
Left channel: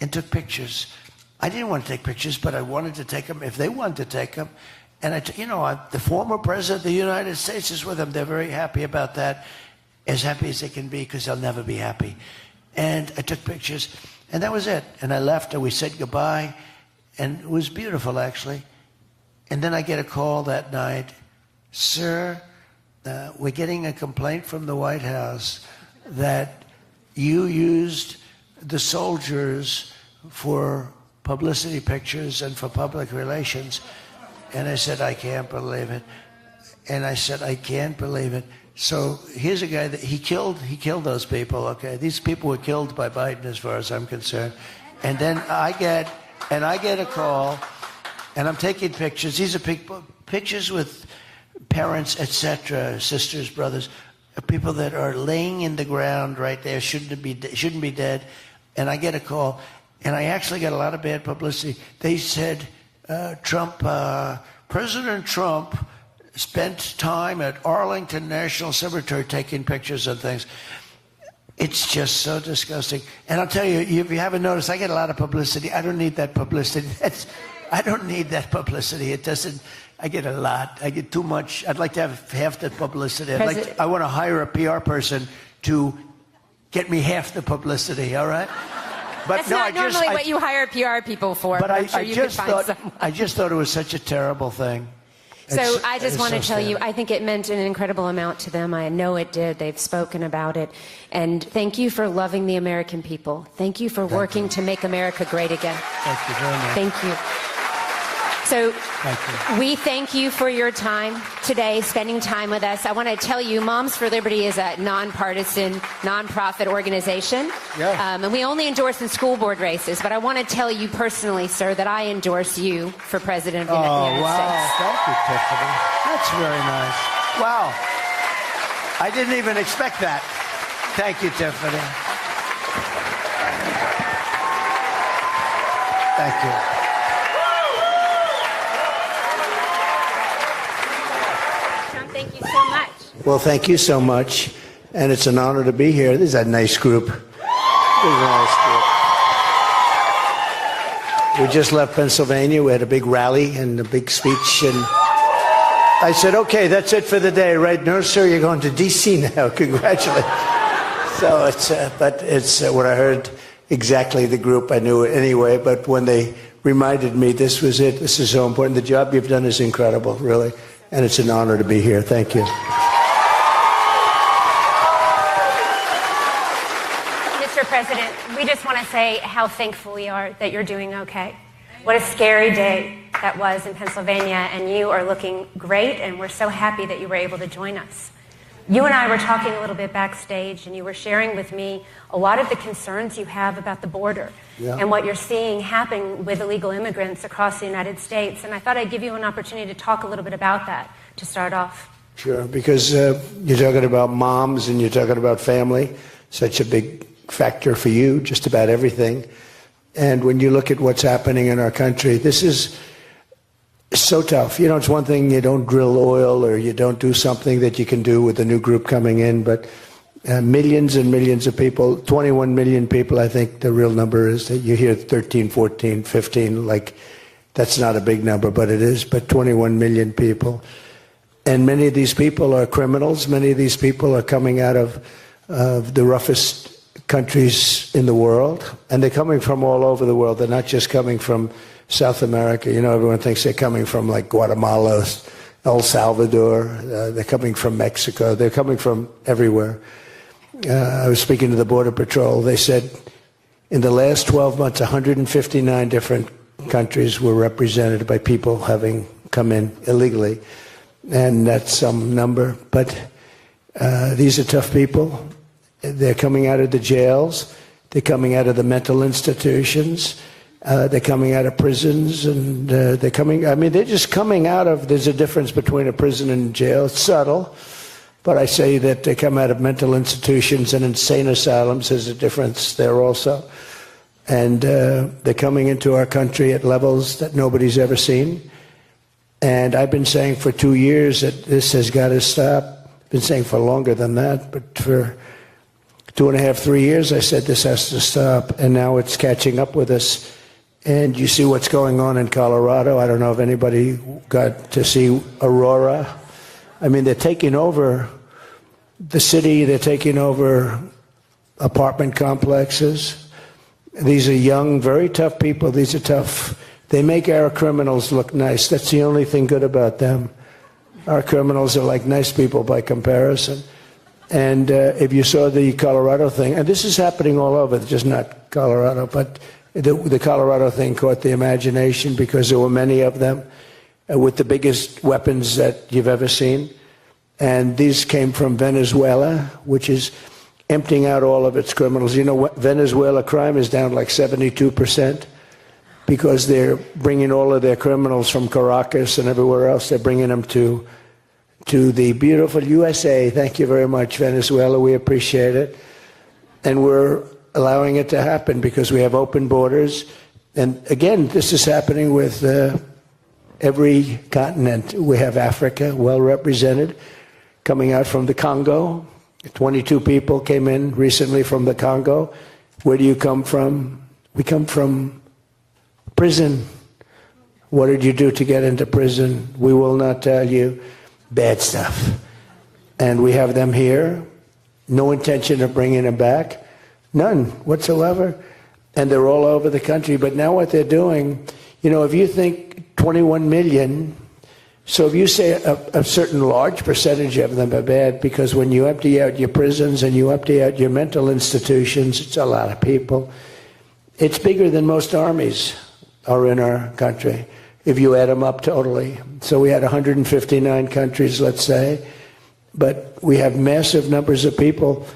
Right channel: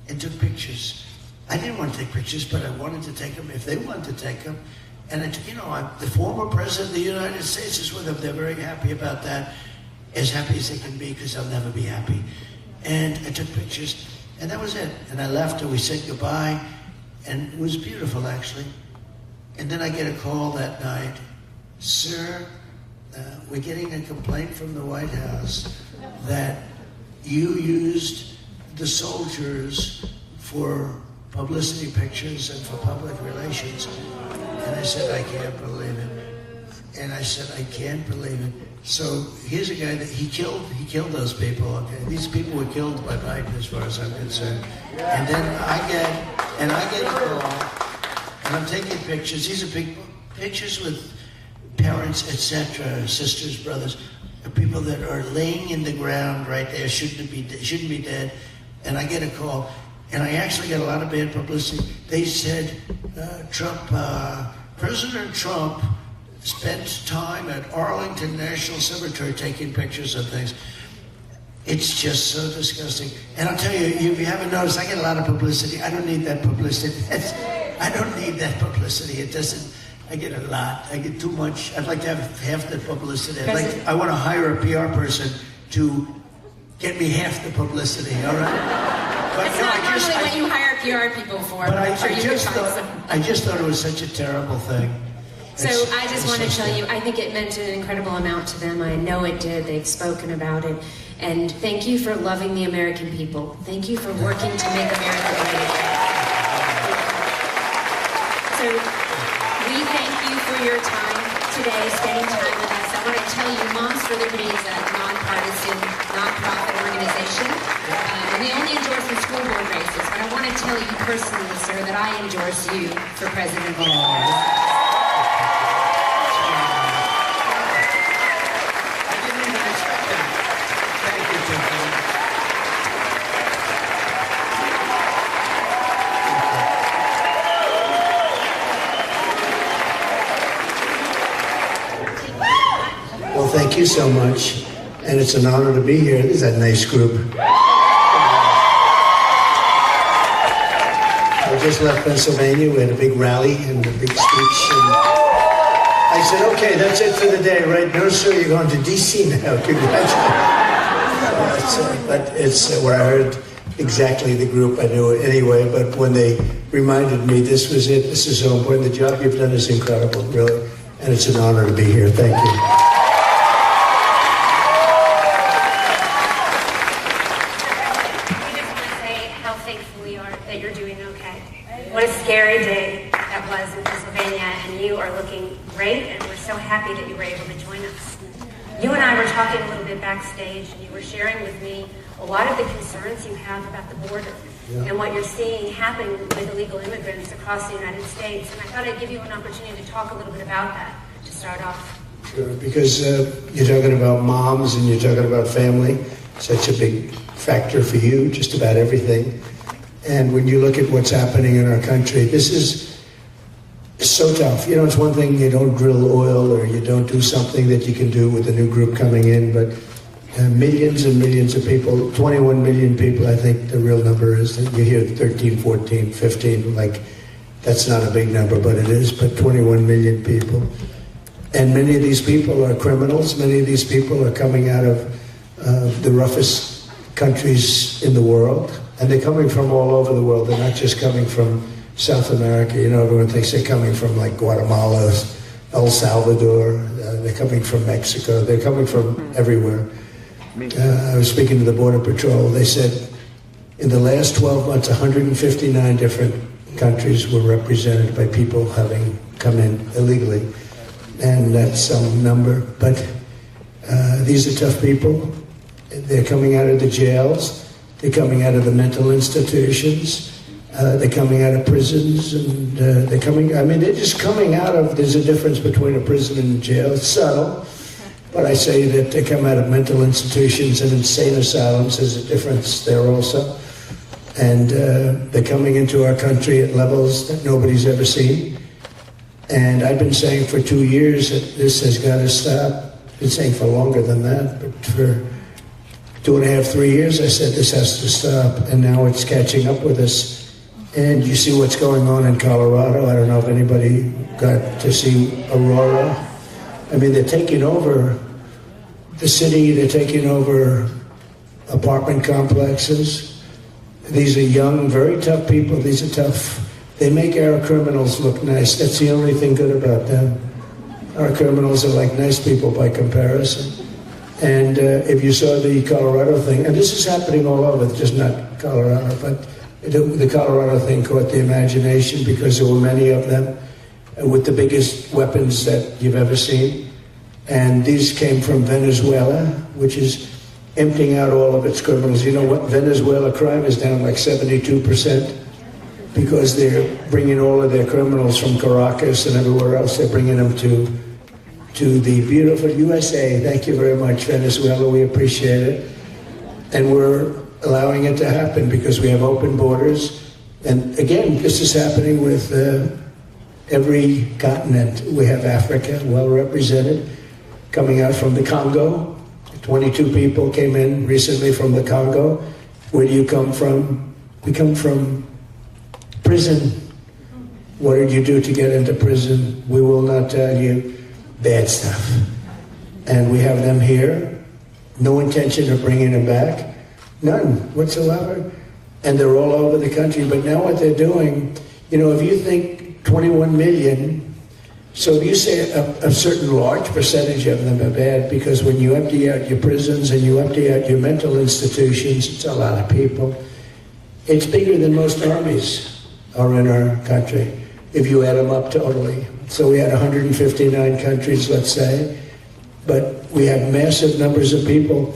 and took pictures. I didn't want to take pictures, but I wanted to take them if they wanted to take them. And the former president of the United States is with them. They're very happy about that, as happy as they can be, because they'll never be happy. And I took pictures, and that was it. And I left, and we said goodbye, and it was beautiful, actually. And then I get a call that night, sir, we're getting a complaint from the White House that you used the soldiers for publicity pictures and for public relations. And I said, I can't believe it. And I said, I can't believe it. So here's a guy that he killed those people, okay? These people were killed by Biden as far as I'm concerned. And then I get a call, and I'm taking pictures. These are pictures with parents, etc., sisters, brothers, people that are laying in the ground right there, shouldn't be dead. And I get a call. And I actually got a lot of bad publicity. They said, President Trump spent time at Arlington National Cemetery taking pictures of things. It's just so disgusting. And I'll tell you, if you haven't noticed, I get a lot of publicity. I don't need that publicity. I don't need that publicity. It doesn't. I get a lot. I get too much. I'd like to have half the publicity. I want to hire a PR person to get me half the publicity, all right? But it's not really what you hire PR people for. But I just thought it was such a terrible thing. So I just want to tell you, I think it meant an incredible amount to them. I know it did. They've spoken about it. And thank you for loving the American people. Thank you for working to make America great again. Thank you. So we thank you for your time today, spending time with us. I want to tell you, Moms for Liberty is a nonpartisan, nonprofit organization. And we only endorse in school board races. But I want to tell you personally, sir, that I endorse you for president of the United States. That's really nice. Wow. I didn't even expect that. Thank you, Tiffany. Thank you. Well, thank you so much. And it's an honor to be here. It's a nice group. We just left Pennsylvania. We had a big rally and a big speech. And I said, okay, that's it for the day, right? No, sir, you're going to D.C. now. Congratulations. So it's what I heard exactly the group. I knew it anyway, but when they reminded me this was it, this is so important. The job you've done is incredible, really. And it's an honor to be here. Thank you. Mr. President, we just want to say how thankful we are that you're doing okay. What a scary day that was in Pennsylvania, and you are looking great, and we're so happy that you were able to join us. You and I were talking a little bit backstage, and you were sharing with me a lot of the concerns you have about the border and what you're seeing happen with illegal immigrants across the United States. And I thought I'd give you an opportunity to talk a little bit about that to start off. Sure, because you're talking about moms and you're talking about family, such a big factor for you, just about everything. And when you look at what's happening in our country, this is so tough. You know, it's one thing you don't drill oil or you don't do something that you can do with the new group coming in, but millions and millions of people, 21 million people, I think the real number is. You hear 13, 14, 15, like that's not a big number, but it is, but 21 million people. And many of these people are criminals. Many of these people are coming out of the roughest countries in the world, and they're coming from all over the world. They're not just coming from South America. You know, everyone thinks they're coming from like Guatemala, El Salvador. They're coming from Mexico. They're coming from everywhere. I was speaking to the Border Patrol. They said in the last 12 months, 159 different countries were represented by people having come in illegally. And that's some number. But these are tough people. They're coming out of the jails. They're coming out of the mental institutions. They're coming out of prisons. And they're just coming out of, there's a difference between a prison and jail. It's subtle. But I say that they come out of mental institutions and insane asylums. There's a difference there also. And they're coming into our country at levels that nobody's ever seen. And I've been saying for 2 years that this has got to stop. I've been saying for longer than that, but for 2.5, 3 years I said this has to stop. And now it's catching up with us. And you see what's going on in Colorado. I don't know if anybody got to see Aurora. I mean, they're taking over the city. They're taking over apartment complexes. These are young, very tough people. These are tough. They make our criminals look nice. That's the only thing good about them. Our criminals are like nice people by comparison. And if you saw the Colorado thing, and this is happening all over, just not Colorado, but the Colorado thing caught the imagination because there were many of them with the biggest weapons that you've ever seen. And these came from Venezuela, which is emptying out all of its criminals. You know what? Venezuela crime is down like 72% because they're bringing all of their criminals from Caracas and everywhere else. They're bringing them to the beautiful USA. Thank you very much, Venezuela. We appreciate it. And we're allowing it to happen because we have open borders. And again, this is happening with every continent. We have Africa well represented, coming out from the Congo. 22 people came in recently from the Congo. Where do you come from? We come from prison. What did you do to get into prison? We will not tell you. Bad stuff. And we have them here. No intention of bringing them back. None whatsoever. And they're all over the country. But now what they're doing, you know, if you think 21 million, so if you say a certain large percentage of them are bad, because when you empty out your prisons and you empty out your mental institutions, it's a lot of people. It's bigger than most armies are in our country, if you add them up totally. So we had 159 countries, let's say, but we have massive numbers of people.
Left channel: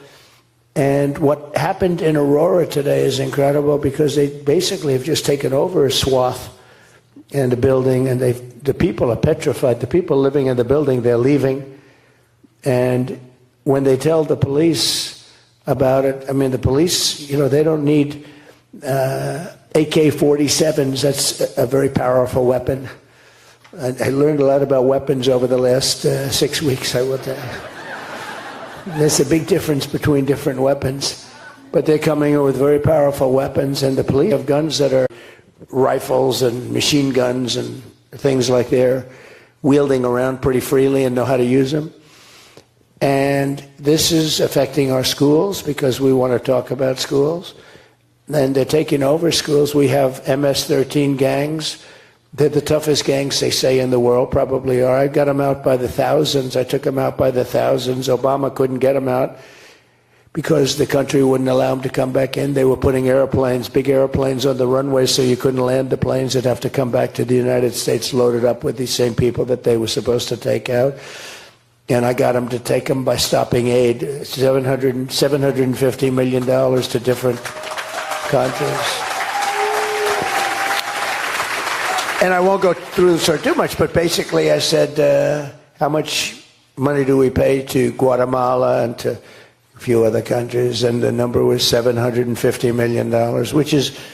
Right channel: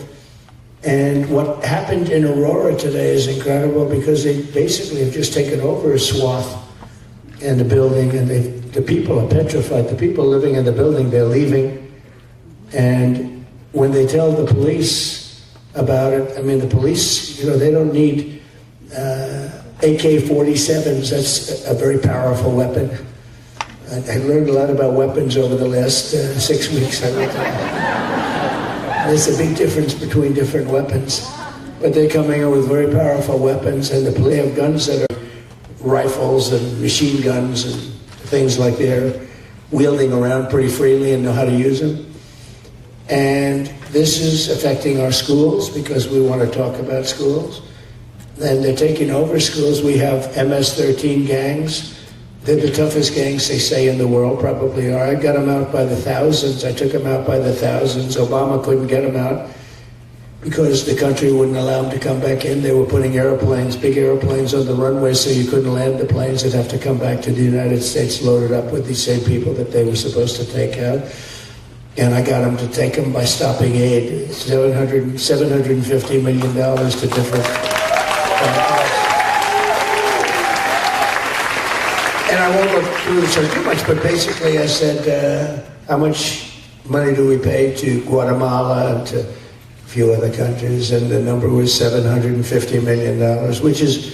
And what happened in Aurora today is incredible because they basically have just taken over a swath in the building, and the people are petrified. The people living in the building, they're leaving. And when they tell the police about it, I mean, the police, you know, they don't need AK-47s. That's a very powerful weapon. I learned a lot about weapons over the last 6 weeks. There's a big difference between different weapons. But they're coming in with very powerful weapons, and the police have guns that are rifles and machine guns and things like that, wheeling around pretty freely and know how to use them. And this is affecting our schools because we want to talk about schools. And they're taking over schools. We have MS-13 gangs. They're the toughest gangs, they say, in the world, probably are. I got them out by the thousands. I took them out by the thousands. Obama couldn't get them out because the country wouldn't allow them to come back in. They were putting airplanes, big airplanes on the runways so you couldn't land the planes. They'd have to come back to the United States loaded up with these same people that they were supposed to take out. And I got them to take them by stopping aid, $750 million to different countries. And I won't go through this too much, but basically I said, how much money do we pay to Guatemala and to a few other countries? And the number was $750 million, which is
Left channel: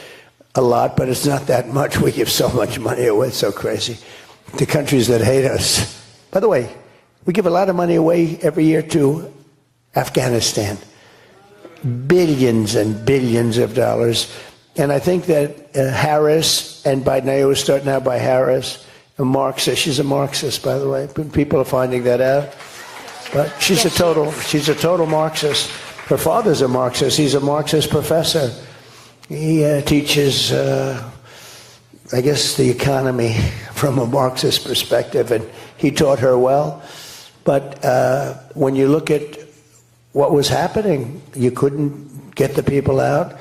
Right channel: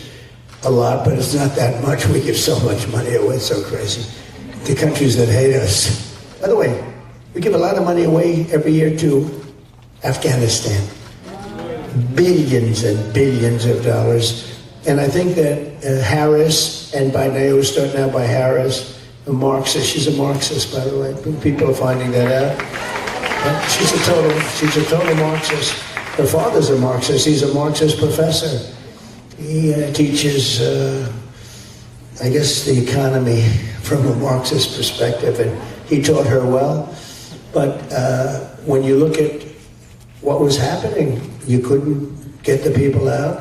a lot, but it's not that much. We give so much money away, it's so crazy, to countries that hate us. By the way, we give a lot of money away every year to Afghanistan. Billions and billions of dollars. And I think that Harris, and by now we're starting out by Harris, a Marxist. She's a Marxist, by the way. Good people are finding that out. She's a total Marxist. Her father's a Marxist. He's a Marxist professor. He teaches, I guess, the economy from a Marxist perspective, and he taught her well. But when you look at what was happening, you couldn't get the people out.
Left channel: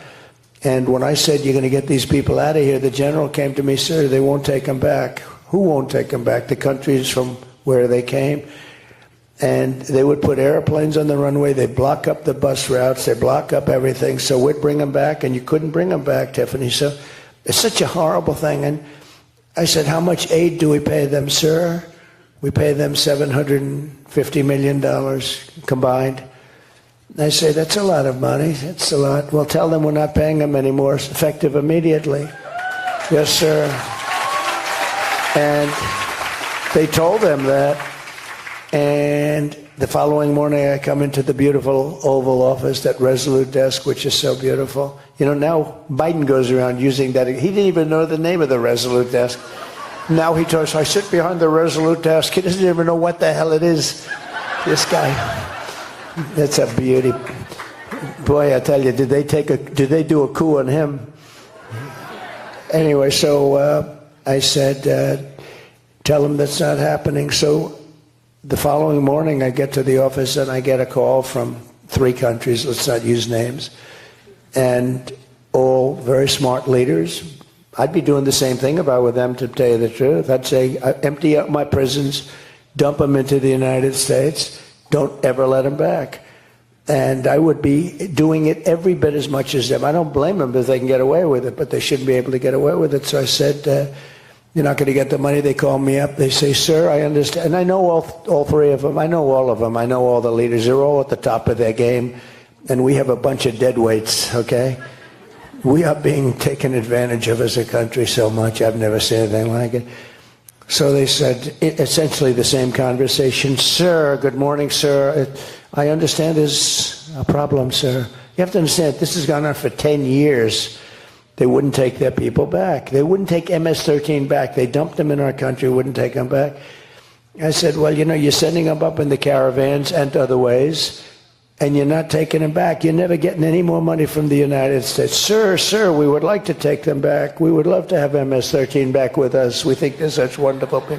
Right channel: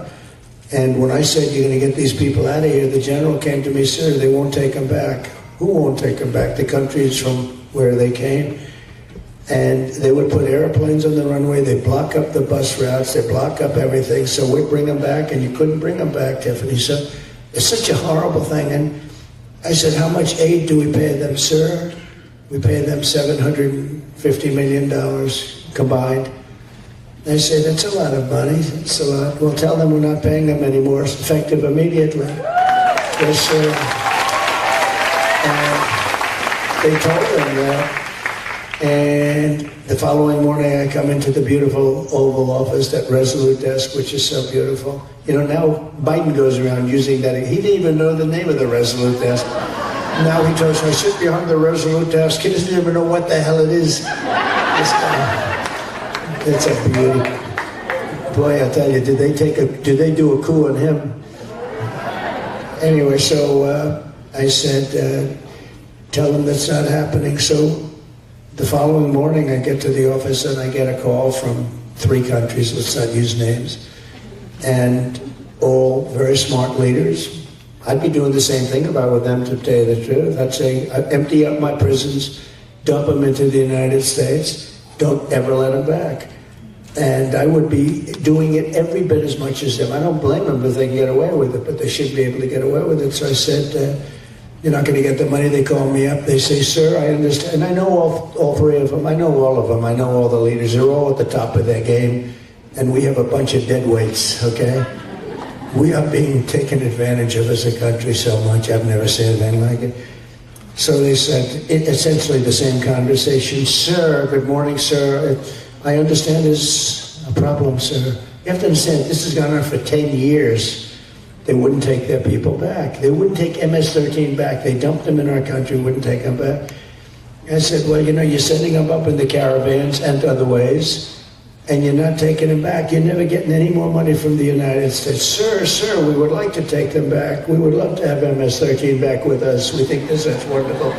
And when I said, you're going to get these people out of here, the general came to me, sir, they won't take them back. Who won't take them back? The countries from where they came. And they would put airplanes on the runway, they'd block up the bus routes, they'd block up everything, so we'd bring them back, and you couldn't bring them back, Tiffany. So it's such a horrible thing. And I said, how much aid do we pay them, sir? We pay them $750 million combined. I said, that's a lot of money. It's a lot. Well, tell them we're not paying them anymore. It's effective immediately. Yes, sir. And they told them that. And the following morning, I come into the beautiful Oval Office, that Resolute desk, which is so beautiful. You know, now Biden goes around using that. He didn't even know the name of the Resolute desk. Now we talk, I sit behind the Resolute desk. He doesn't even know what the hell it is. This guy. That's a beauty. Boy, I tell you, did they do a coup on him? Anyway, so I said, tell them that's not happening. So the following morning, I get to the office and I get a call from 3 countries, let's not use names, and all very smart leaders. I'd be doing the same thing if I were them, to tell you the truth. I'd say, empty out my prisons, dump them into the United States, don't ever let them back. And I would be doing it every bit as much as them. I don't blame them if they can get away with it, but they should be able to get away with it. So I said, you're not going to get the money. They call me up. They say, sir, I understand. And I know all 3 of them. I know all of them. I know all the leaders. They're all at the top of their game. And we have a bunch of dead weights, okay? We are being taken advantage of as a country so much. I've never seen anything like it. So they said, essentially the same conversation. Sir, good morning, sir. I understand there's a problem, sir. You have to understand, this has gone on for 10 years. They wouldn't take their people back. They wouldn't take MS-13 back. They dumped them in our country, wouldn't take them back. I said, well, you know, you're sending them up in the caravans and other ways, and you're not taking them back. You're never getting any more money from the United States. Sir, we would like to take them back. We would love to have MS-13 back with us. We think that's such wonderful.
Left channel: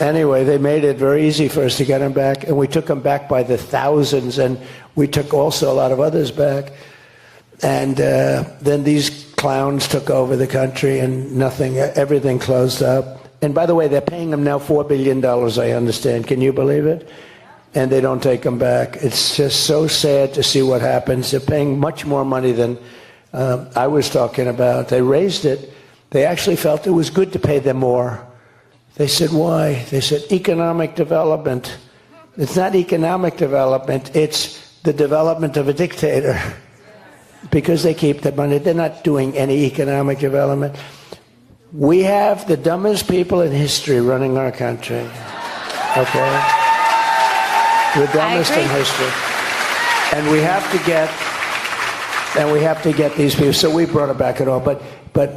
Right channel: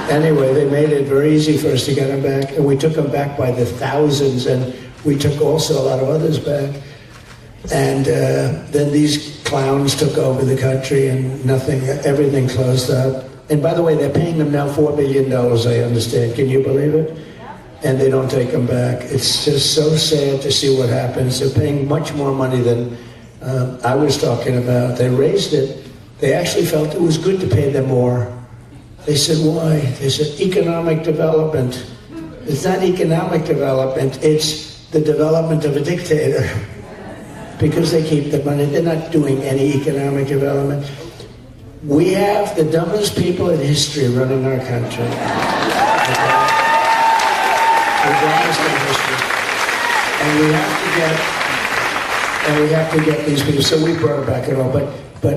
Anyway, they made it very easy for us to get them back, and we took them back by the thousands, and we took also a lot of others back. And then these clowns took over the country, and everything closed up. And by the way, they're paying them now $4 billion, I understand. Can you believe it? And they don't take them back. It's just so sad to see what happens. They're paying much more money than I was talking about. They raised it. They actually felt it was good to pay them more. They said, why? They said, economic development. It's not economic development. It's the development of a dictator. Because they keep the money, they're not doing any economic development. We have the dumbest people in history running our country. Okay? The dumbest in history. And we have to get these people. So we brought it back at all. But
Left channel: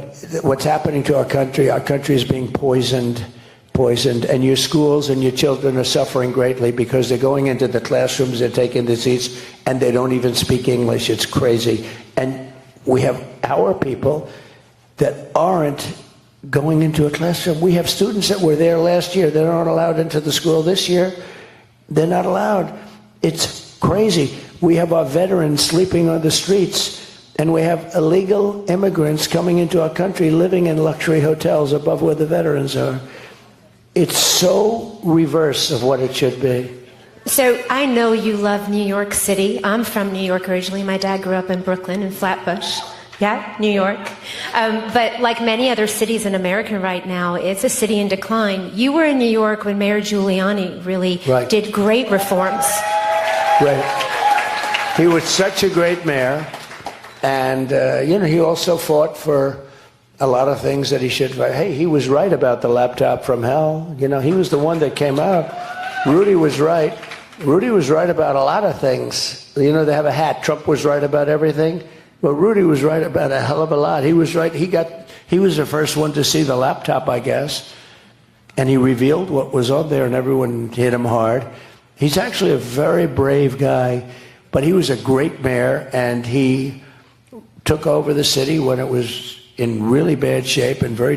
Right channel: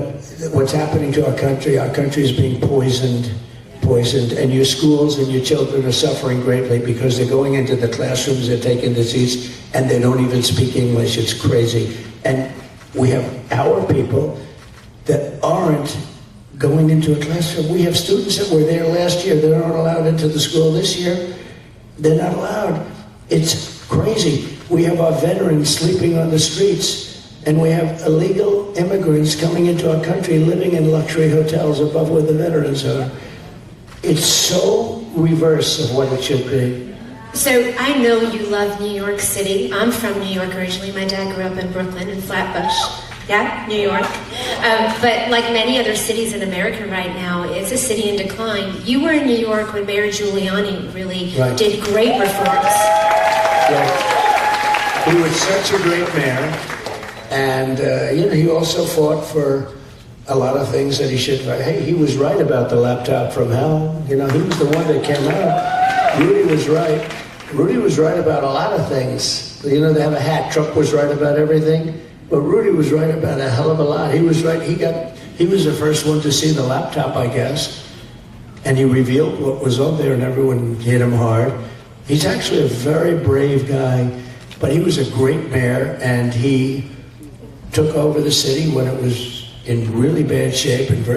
what's happening to our country is being poisoned. And your schools and your children are suffering greatly because they're going into the classrooms, they're taking the seats, and they don't even speak English. It's crazy. And we have our people that aren't going into a classroom. We have students that were there last year. They're not allowed into the school this year. They're not allowed. It's crazy. We have our veterans sleeping on the streets, and we have illegal immigrants coming into our country living in luxury hotels above where the veterans are. It's so reverse of what it should be. So I know you love New York City. I'm from New York originally. My dad grew up in Brooklyn, in Flatbush. Yeah, New York. But like many other cities in America right now, it's a city in decline. You were in New York when Mayor Giuliani really did great reforms. Yeah. He was such a great mayor. And, he also fought for a lot of things that he should have. Hey, he was right about the laptop from hell. He was the one that came out. Rudy was right. Rudy was right about a lot of things. They have a hat. Trump was right about everything. But Rudy was right about a hell of a lot. He was right. He was the first one to see the laptop, I guess. And he revealed what was on there, and everyone hit him hard. He's actually a very brave guy, but he was a great mayor, and he took over the city when it was in really bad shape and very